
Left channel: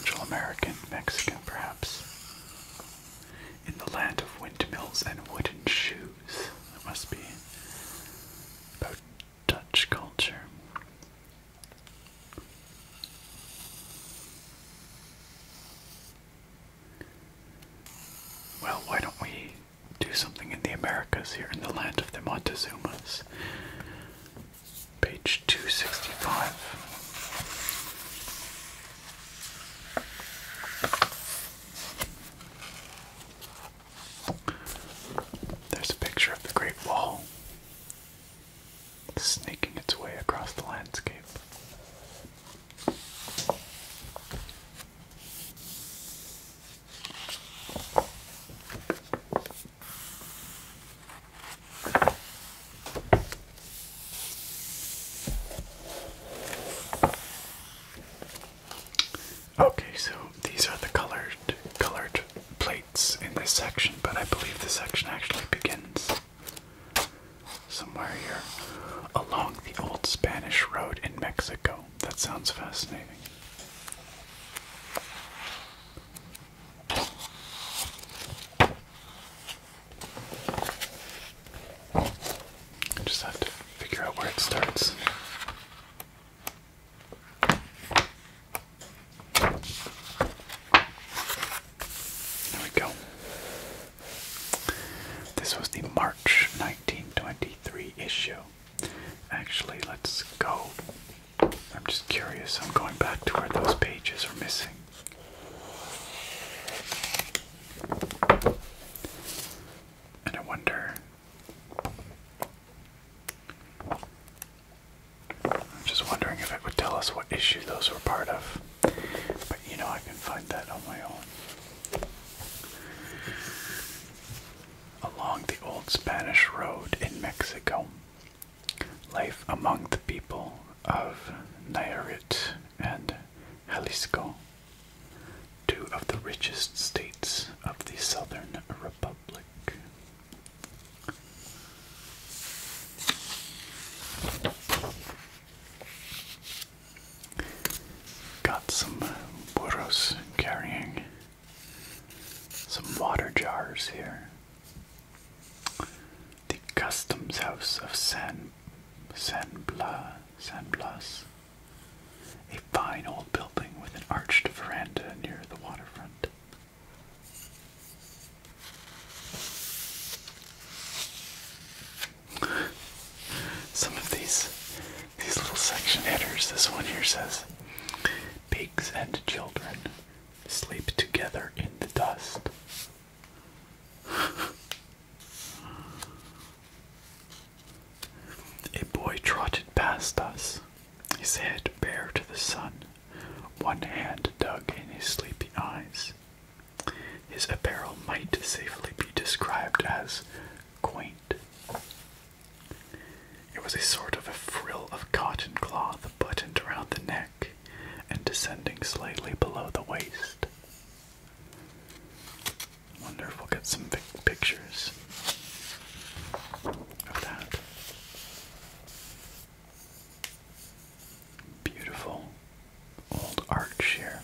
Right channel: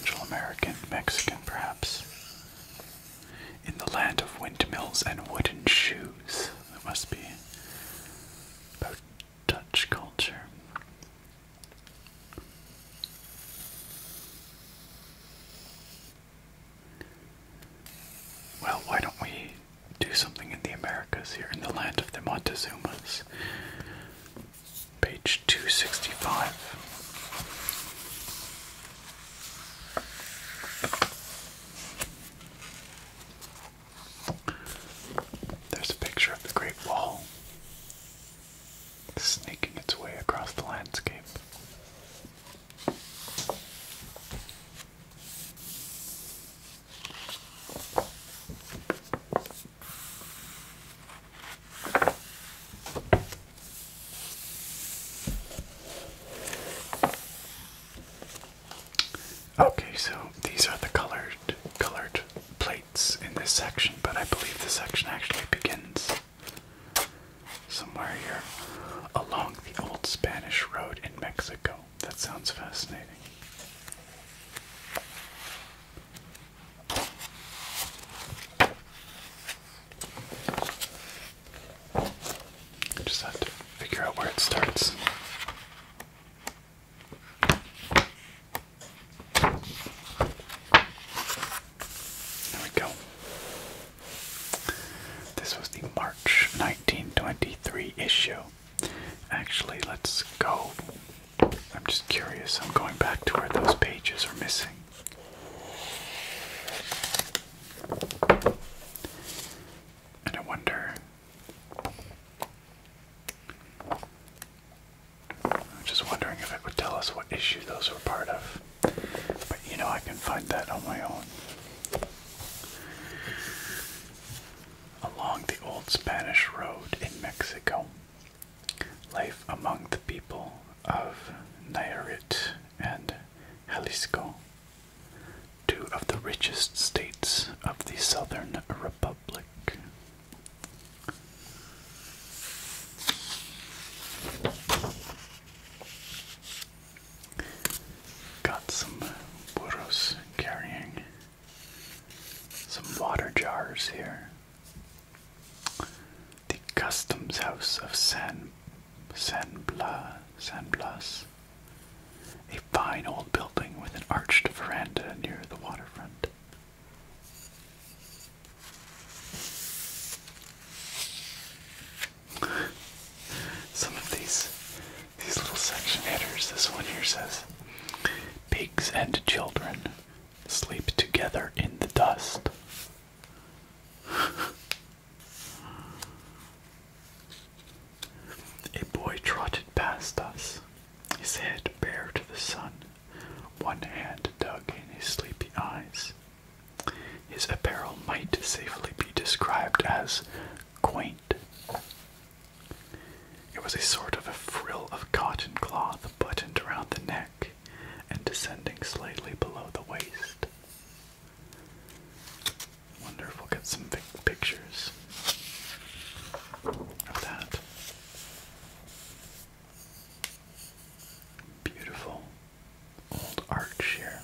Central American, Mexican perhaps. In the land of windmills and wooden shoes. That must be about Dutch culture. Well, why don't we do something in the Americas here, in the land of the Montezumas? Page 265. There's a picture of the Great Wall snaking its way across the landscape. Okay, so these are the colored plates in this section, but I believe this section actually begins somewhere here along the old Spanish road in Mexico. That sounds fascinating. I just have to figure out where it starts. There we go. This was the March 1923 issue. Actually, let's go. I'm just curious. I'm going back to where those pages are missing. And I wonder. I'm just wondering if it would tell us what issue those were part of. But you know, I can find that on my own. Along the old Spanish road in Mexico, life among the people of Nayarit and Jalisco, two of the richest states of the Southern Republic. Got some burros carrying some water jars here. The Customs House of San Blas, a fine old building with an arched veranda near the waterfront. Some of these little section headers. This one here says, "Pigs and children sleep together in the dust." A boy trotted past us, his head bare to the sun, one hand dug in his sleepy eyes. His apparel might safely be described as quaint. It was a sort of a frill of cotton cloth buttoned around the neck and descending slightly below the waist. I wonder if we'll get some pictures of that. Beautiful old arch here.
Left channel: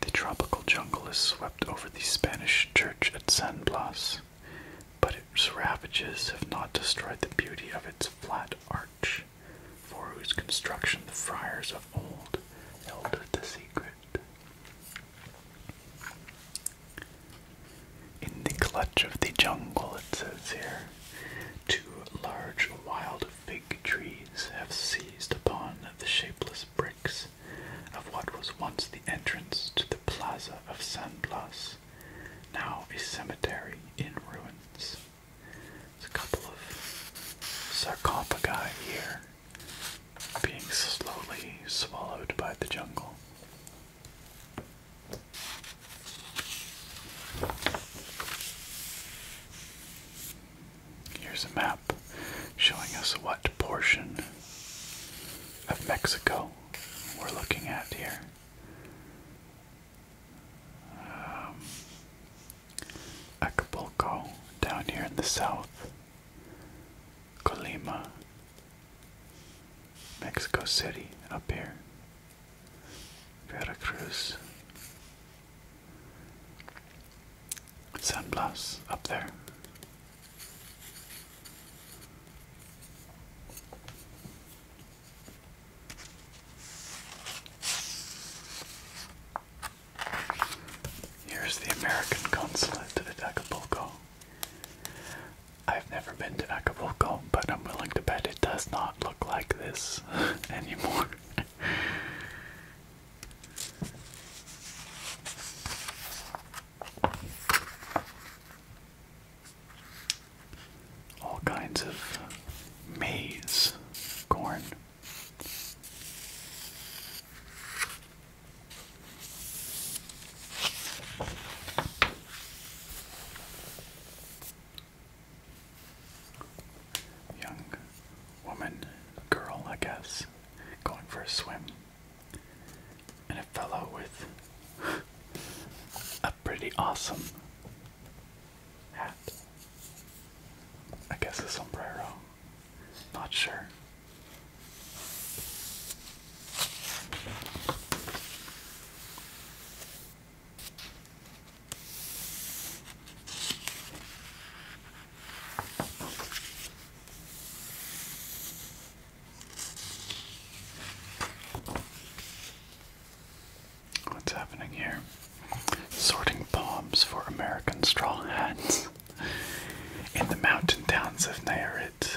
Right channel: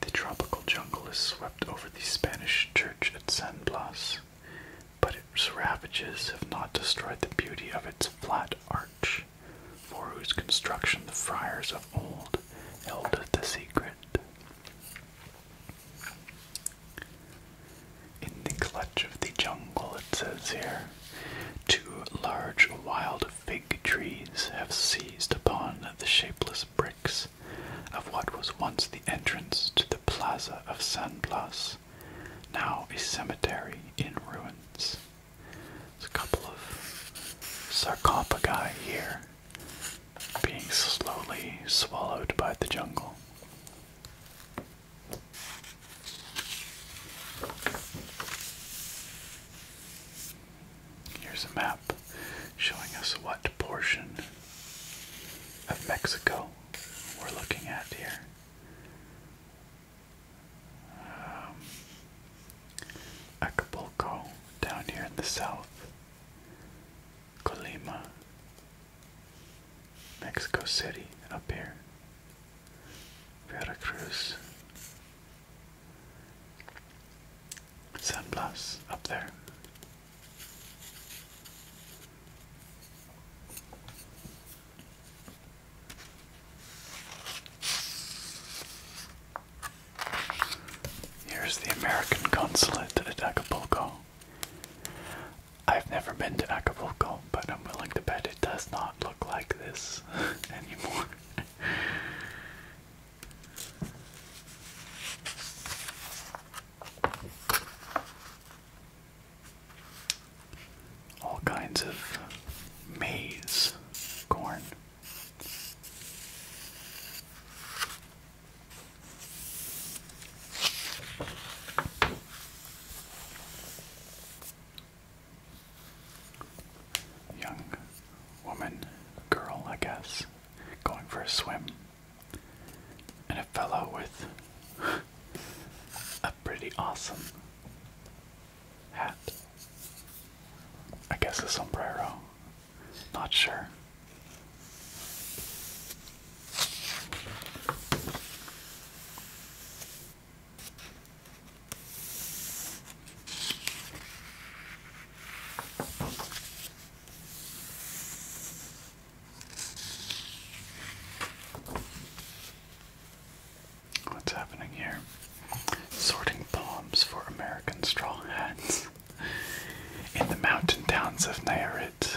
The tropical jungle has swept over the Spanish church at San Blas, but its ravages have not destroyed the beauty of its flat arch, for whose construction the friars of old held the secret. In the clutch of the jungle, it says here, two large wild fig trees have seized upon the shapeless bricks of what was once the entrance to the plaza of San Blas, now a cemetery in ruins. There's a couple of sarcophagi here, being slowly swallowed by the jungle. Here's a map showing us what portion of Mexico we're looking at here. Acapulco down here in the south, Colima, Mexico City up here. cruise. San Blas up there. Here's the American consulate at Acapulco. I've never been to Acapulco, but I'm willing to bet it does not look like this anymore. All kinds of maize, corn. Young woman, girl, I guess, going for a swim. And a fellow with a pretty awesome hat. I guess a sombrero. Not sure. What's happening here? Sorting palms for American straw hats. In the mountain towns of Nayarit,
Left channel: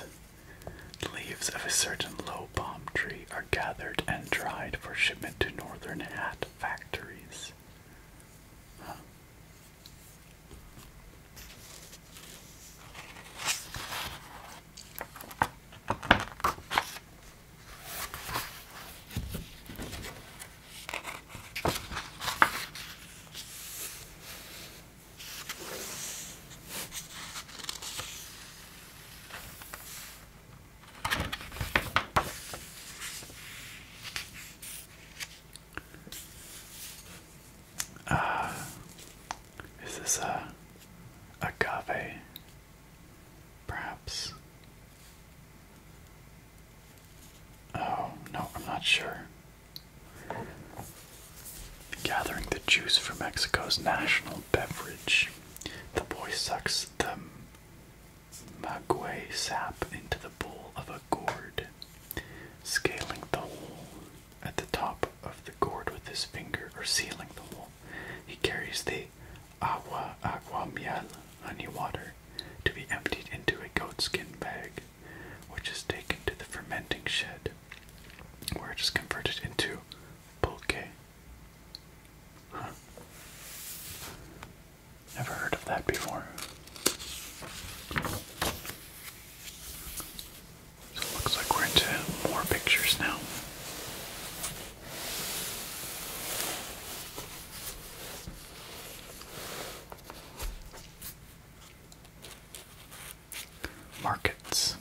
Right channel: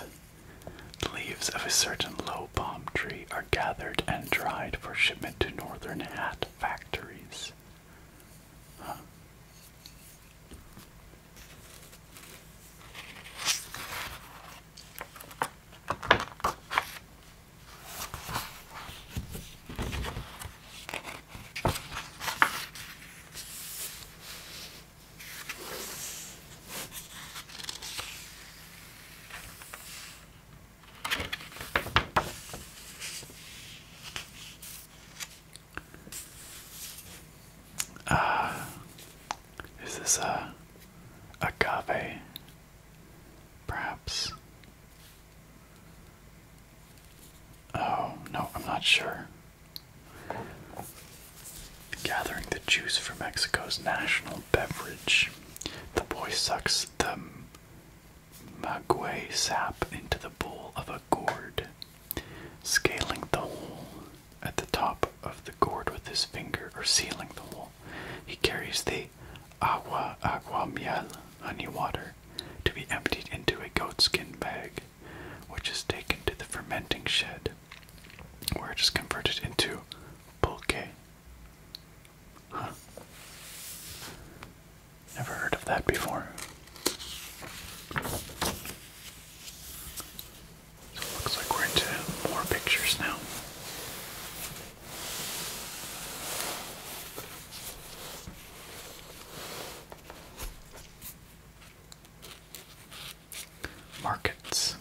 the leaves of a certain low palm tree are gathered and dried for shipment to northern hat factories. Huh. Is this agave? Perhaps. Oh, no, I'm not sure. Gathering the juice for Mexico's national beverage. The boy sucks the maguey sap into the bowl of a gourd, scaling the hole at the top of the gourd with his finger, or sealing the hole. He carries the agua miel, honey water, to be emptied into a goatskin bag, which is taken to the fermenting shed, where it is converted into pulque. Huh. Never heard of that before. So it looks like we're into more pictures now. Markets.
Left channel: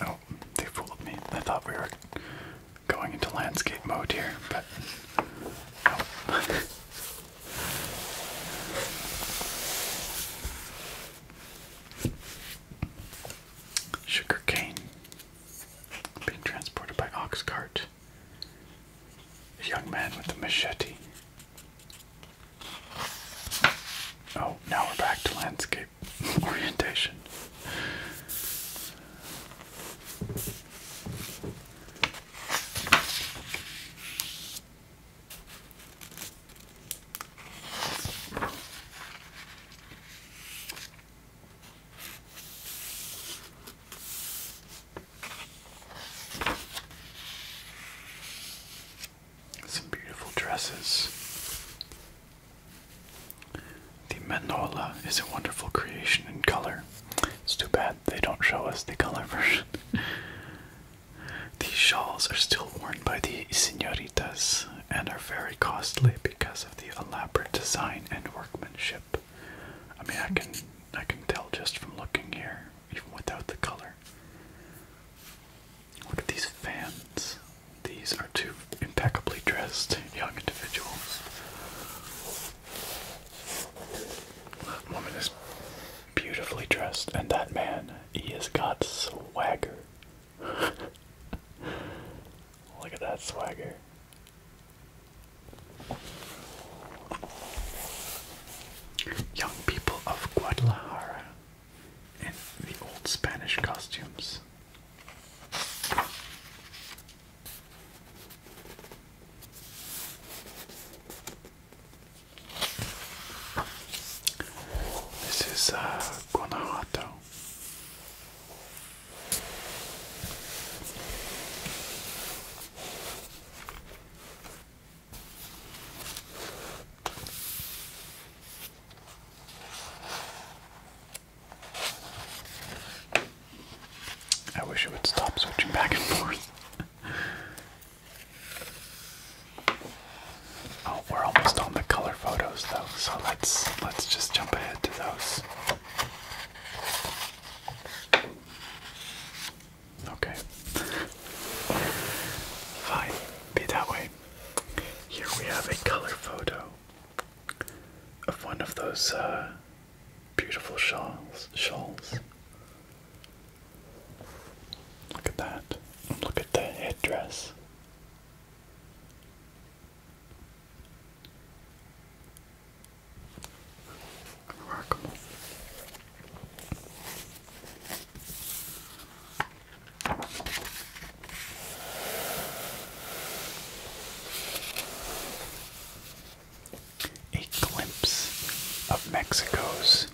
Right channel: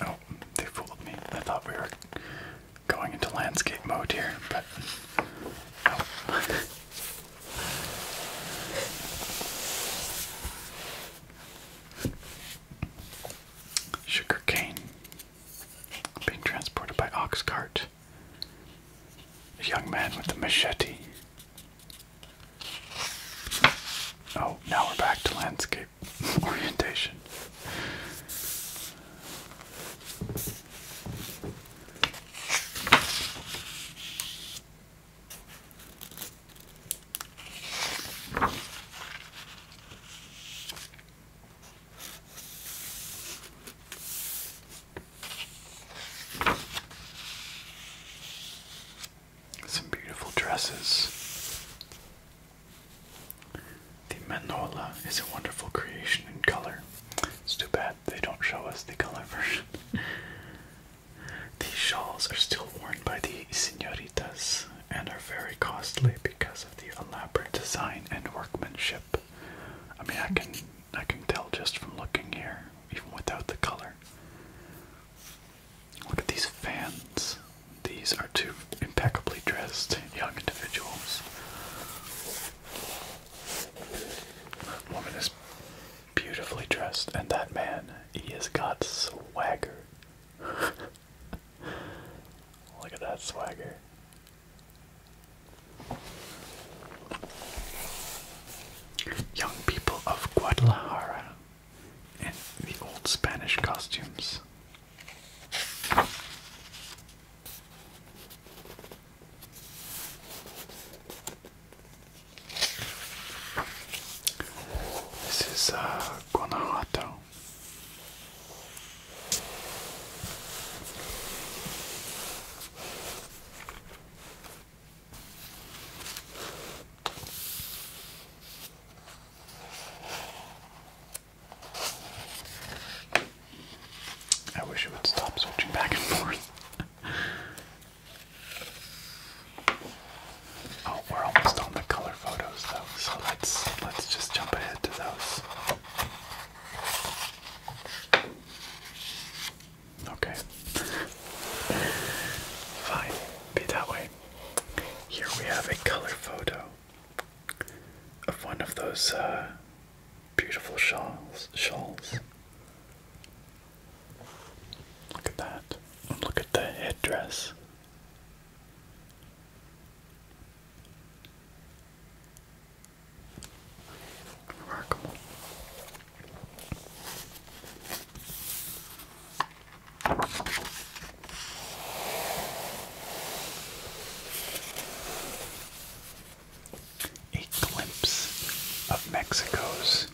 Oh, they fooled me. I thought we were going into landscape mode here, but no. Sugar cane being transported by ox cart. A young man with a machete. Oh, now we're back to landscape orientation. Some beautiful dresses. The manola is a wonderful creation in color. It's too bad they don't show us the color version. These shawls are still worn by the señoritas and are very costly because of the elaborate design and workmanship. I mean, I can tell just from looking here, even without the color. Look at these fans. These are two impeccably dressed young individuals. That woman is beautiful. beautifully dressed, and that man, he has got swagger. Look at that swagger. Young people of Guadalajara in the old Spanish costumes. This is Guanajuato. I wish it would stop switching back and forth. Oh, we're almost on the color photos though, so let's just jump ahead to those. Okay. Fine, be that way. Here we have a color photo of one of those beautiful shawls. Look at that. And look at the headdress. Remarkable. A glimpse of Mexico's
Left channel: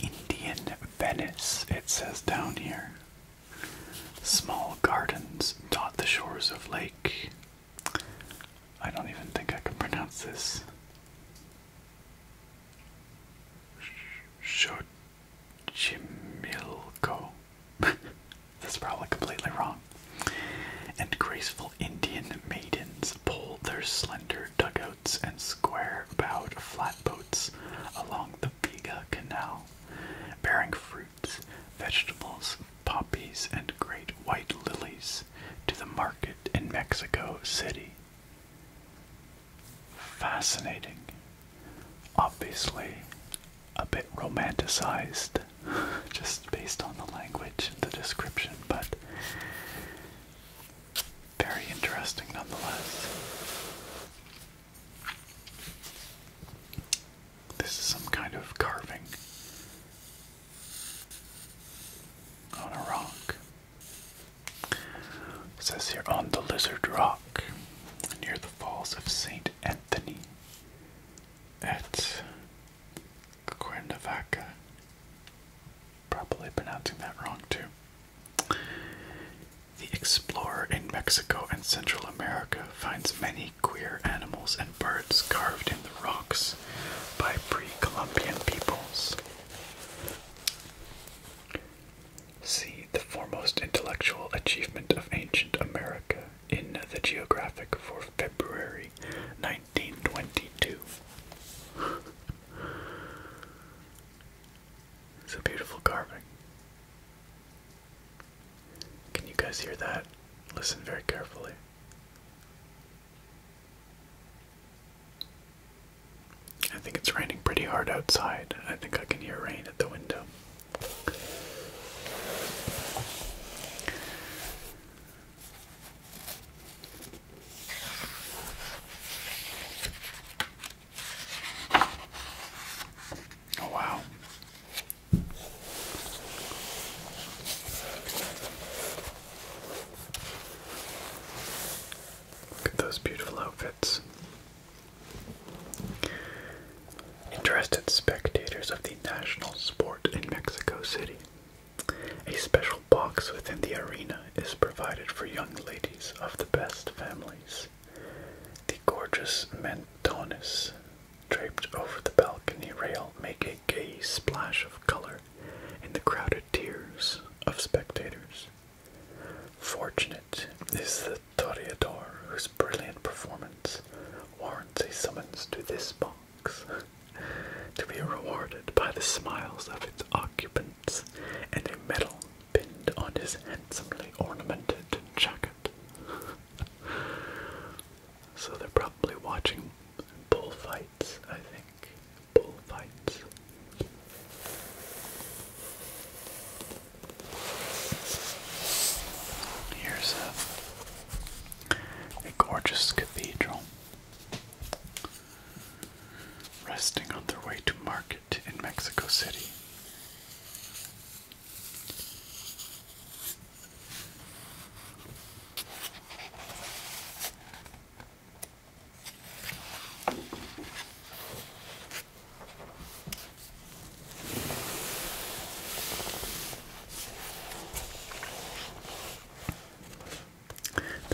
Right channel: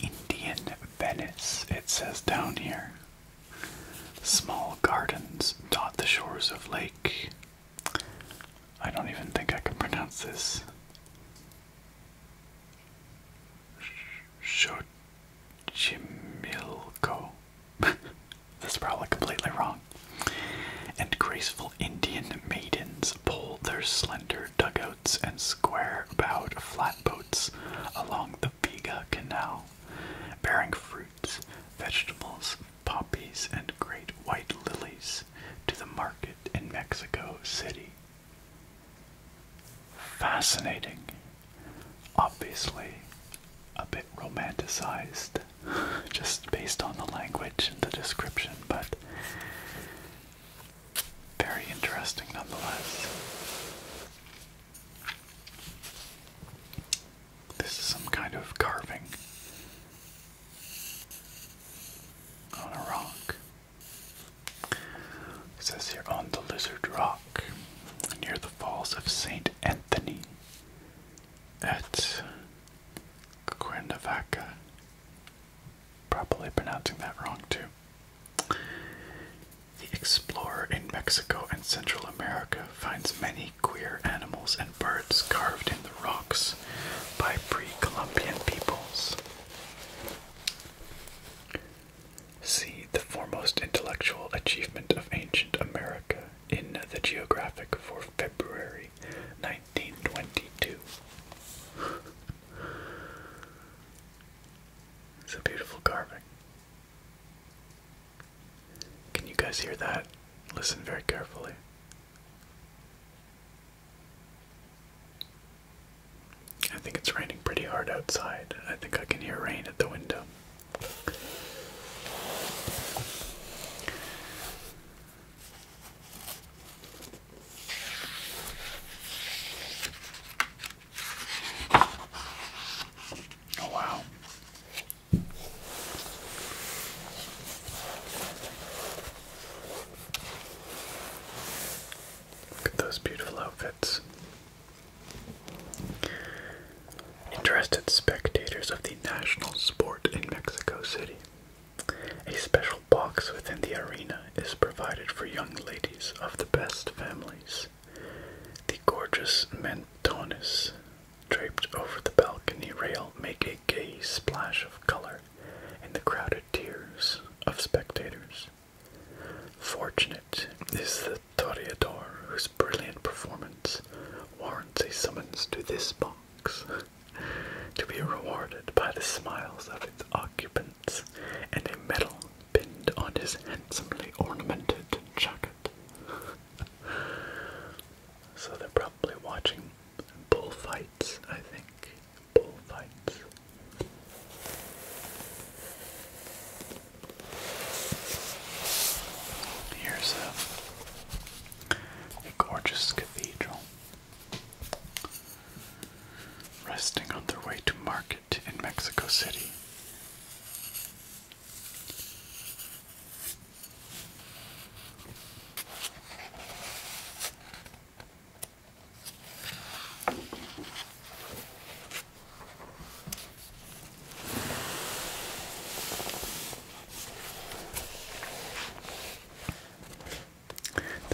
Indian Venice, it says down here. Small gardens dot the shores of Lake. I don't even think I can pronounce this. Xochimilco. That's probably completely wrong. And graceful Indian maidens pull their slender dugouts and square-bowed flatboats along the Viga Canal, bearing fruits, vegetables, poppies, and great white lilies to the market in Mexico City. Fascinating. Obviously, a bit romanticized, just based on the language and the description, but very interesting nonetheless. This is some kind of carving on a rock. It says here, on the Lizard Rock, near the falls of St. Anthony at Cuernavaca. Probably pronouncing that wrong too. The explorer in Mexico and Central America finds many queer animals and birds carved in the rocks by pre-Columbian peoples. See the foremost intellectual achievement of ancient America in the Geographic for February 1922. It's a beautiful carving. Can you guys hear that? Listen very carefully. I think it's raining pretty hard outside. I think I can hear rain at the window. Oh wow. Look at those beautiful outfits. Interested spectators of the national sport in Mexico City. A special box within the arena is provided for young ladies of the best families. The gorgeous mantones draped over the balcony rail make a gay splash of color in the crowded tiers of spectators. Fortunate is the toreador whose brilliant performance warrants a summons to this box, to be rewarded by the smiles of its occupants and a medal pinned on his handsomely ornamented jacket. So they're probably watching bullfights, I think. Bullfights.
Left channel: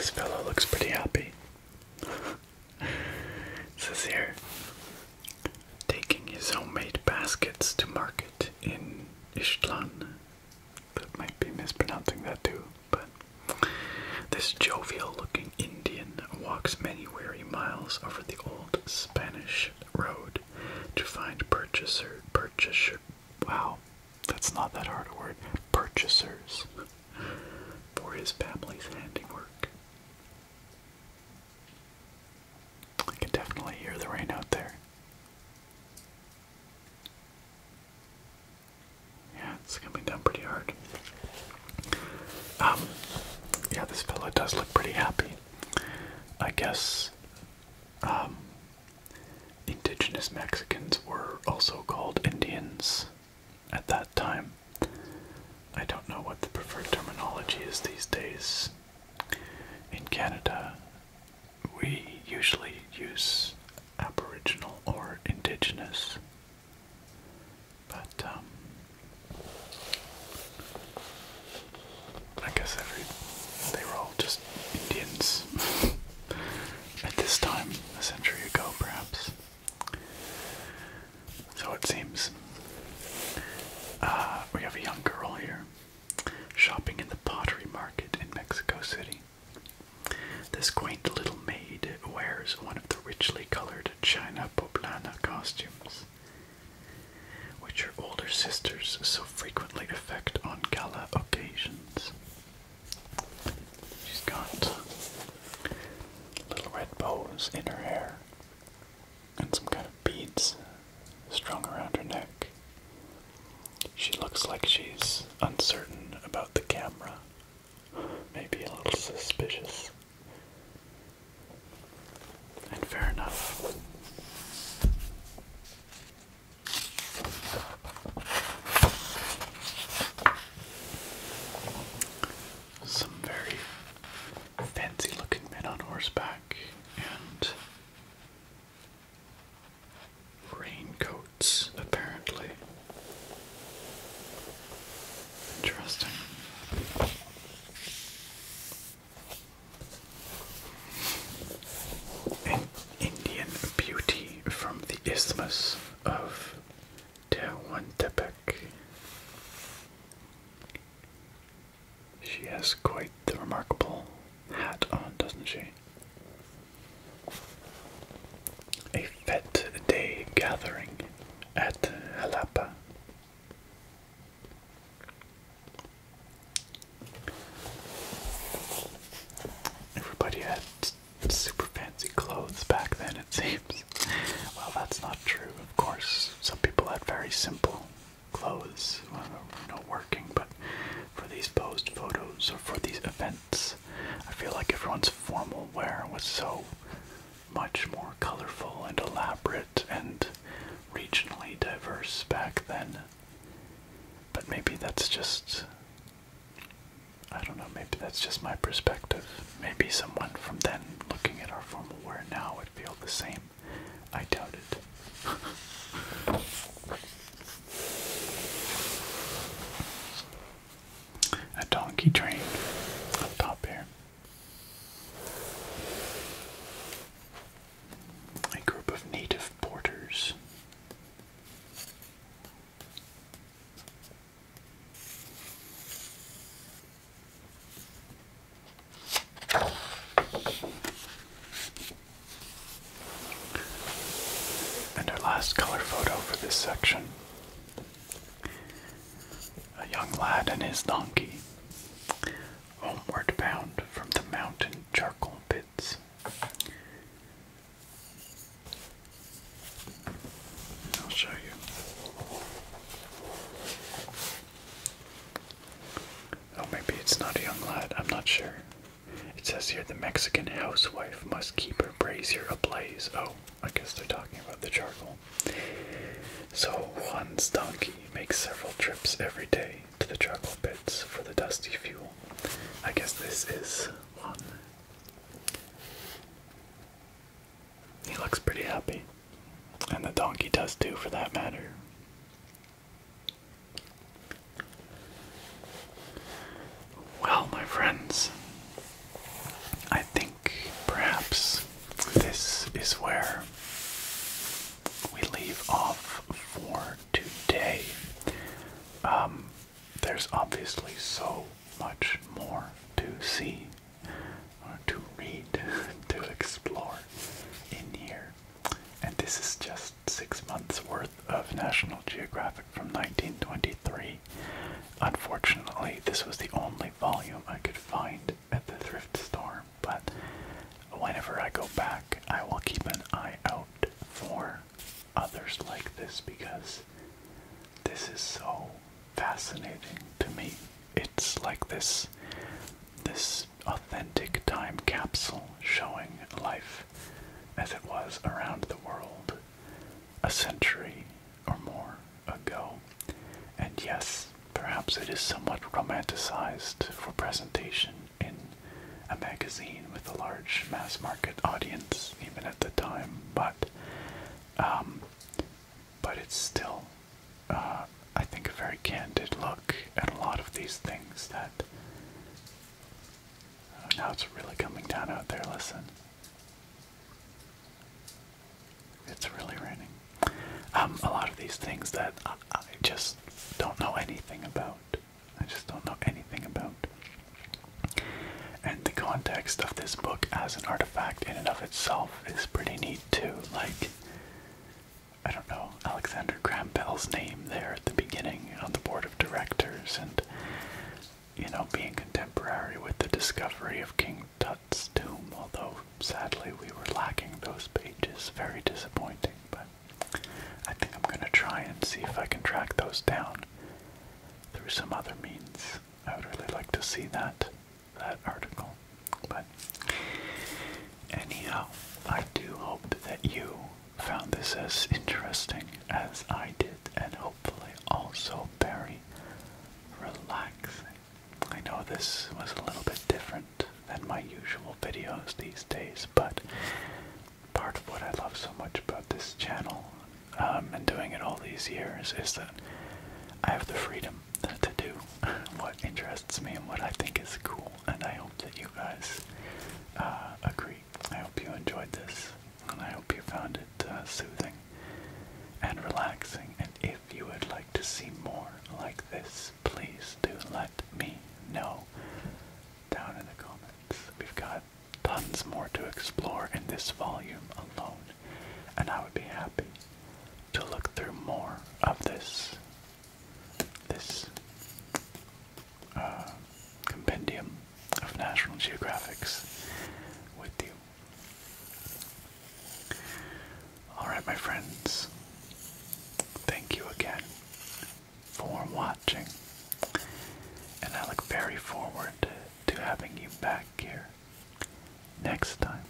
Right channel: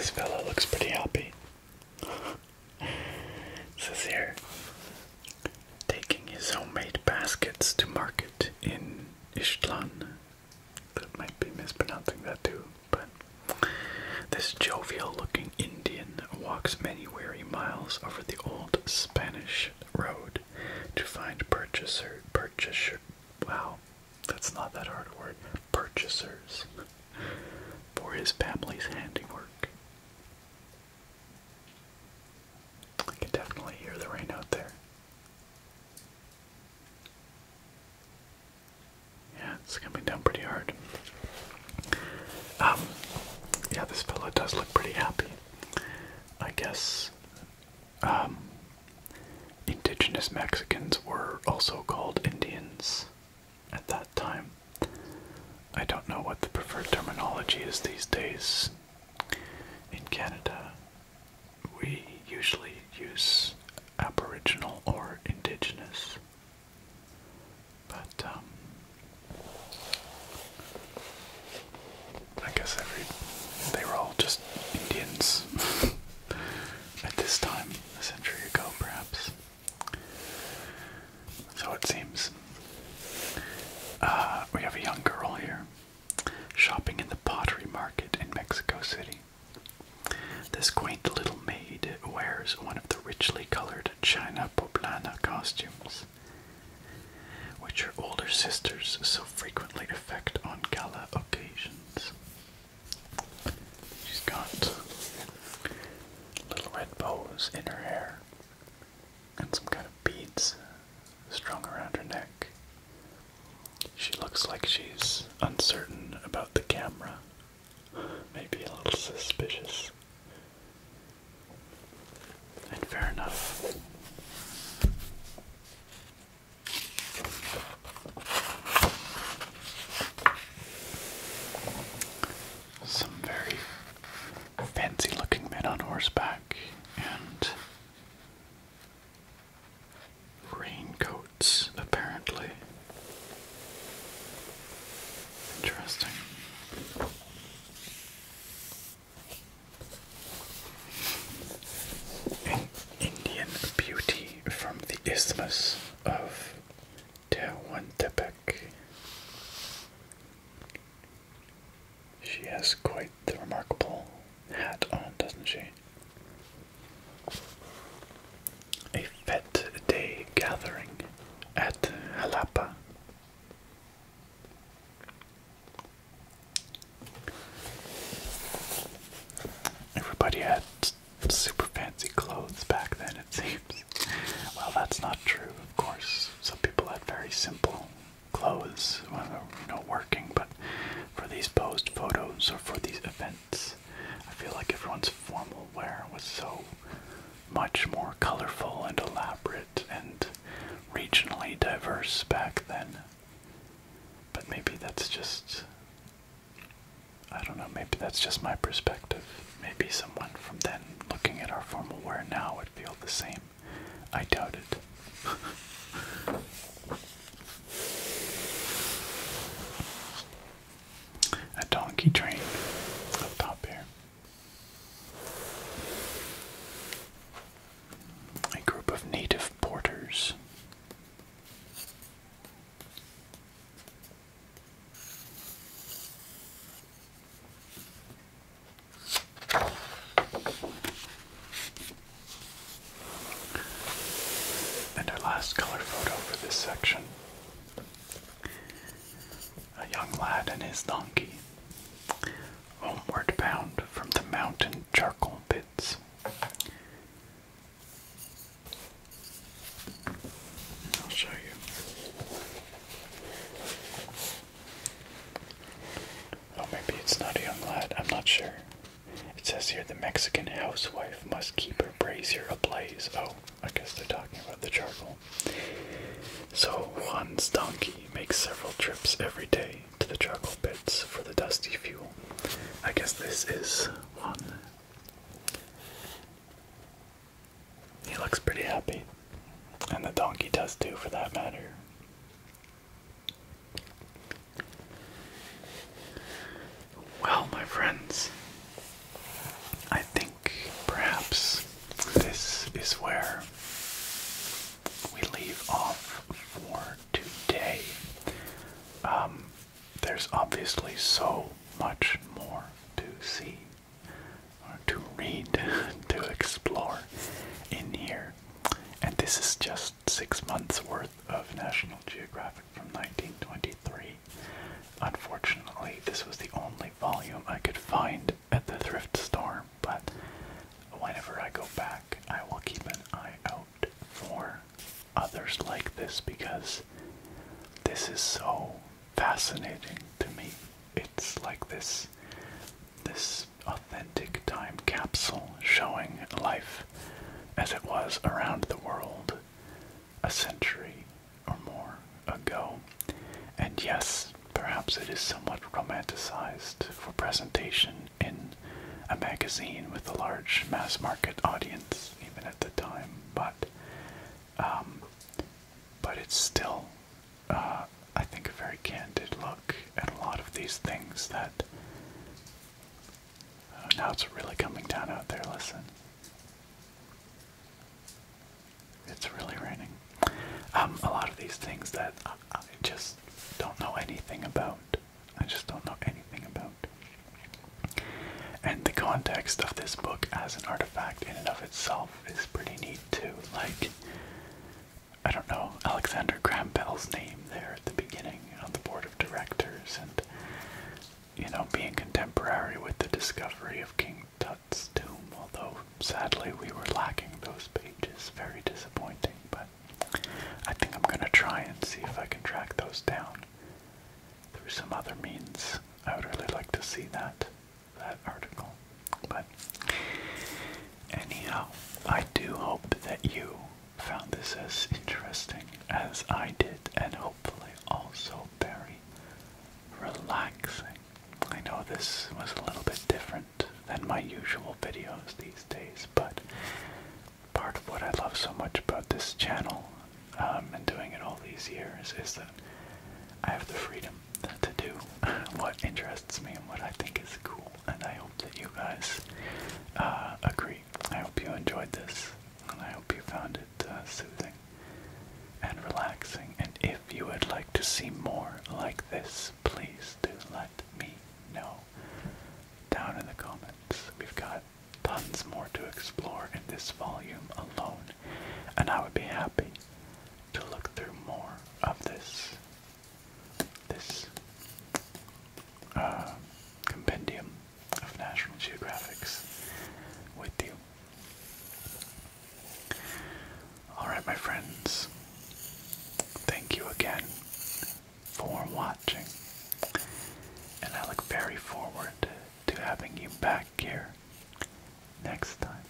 This fellow looks pretty happy. It says here, taking his homemade baskets to market in Ishtlan. That might be mispronouncing that too, but this jovial-looking Indian walks many weary miles over the old Spanish road to find purchaser, wow, that's not that hard a word, purchasers for his family's handiwork. I can definitely hear the rain out there. Yeah, it's coming down pretty hard. Yeah, this fella does look pretty happy. I guess, indigenous Mexicans were also called Indians at that time. I don't know what the preferred terminology is these days. In Canada, we usually use Aboriginal or Indigenous. But, I guess they were all just Indians at this time, a century ago perhaps. So it seems. We have a young girl here, shopping in the pottery market in Mexico City. This quaint little maid wears one of the richly colored China poblana costumes, which her older sisters so frequently affect on gala occasions. She's got little red bows in her hair and some kind of beads strung around her neck. She looks like she's uncertain about the camera, maybe a little suspicious. And fair enough. Some very fancy looking men on horseback and raincoats, apparently. Interesting. An Indian beauty from the Isthmus of Tehuantepec. She has quite the remarkable hat on, doesn't she? A fete day gathering at Jalapa. Everybody had super fancy clothes back then, it seems. Well, that's not true, of course. Some people had very simple clothes, working, but for these posed photos or for these events, I feel like everyone's formal wear was so much more colorful and elaborate and regionally diverse back then. But maybe that's just, I don't know, maybe that's just my perspective. Maybe someone from then looking at our formal wear now would feel the same. I doubt it. A donkey train up top here. A group of native porters. And our last color photo for this section. A young lad and his donkey, homeward bound from the mountain charcoal pits. I'll show you. Oh, maybe it's not a young lad, I'm not sure. It says here the Mexican housewife must keep her brazier ablaze. Oh, I guess they're talking about the charcoal. So Juan's donkey makes several trips every day to the charcoal pits for the dusty fuel. I guess this is Juan. He looks pretty happy. And the donkey does too, for that matter. Well, my friends, I there's obviously so much more to see, or to read, to explore in here. And this is just 6 months worth of National Geographic from 1923. Unfortunately, this was the only volume I could find at the thrift store, but whenever I go back, I will keep an eye out for others like this, because this is so fascinating to me. It's like this authentic time capsule showing life as it was around the world a century or more ago. And yes, perhaps it is somewhat romanticized for presentation in a magazine with a large mass market audience, even at the time, but it's still, I think, a very candid look at a lot of these things that, now it's really coming down out there, listen. It's really raining. A lot of these things that I just don't know anything about. I just don't know anything about. And the context of this book as an artifact in and of itself is pretty neat too. Like, I don't know, Alexander Graham Bell's name there at the beginning on the board of directors, and, you know, being contemporary with the discovery of King Tut's tomb, although sadly we were lacking those pages. Very disappointing, but I think I'm gonna try and see if I can track those down through some other means. I would really like to see that article. But anyhow, I do hope that you found this as interesting as I did, and hopefully also very relaxing. I know this was a little bit different than my usual videos these days, but part of what I love so much about this channel, and doing it all these years, is that I have the freedom to do what interests me and what I think is cool, and I hope that you guys agree. I hope you enjoyed this, and I hope you found it soothing and relaxing. And if you would like to see more like this, please do let me know down in the comments. We've got tons more to explore in this volume alone, and I would be happy to look through more of this compendium of National Geographics with you. Alright, my friends, thank you again for watching, and I look very forward to having you back here next time.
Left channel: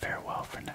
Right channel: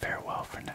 Farewell for now.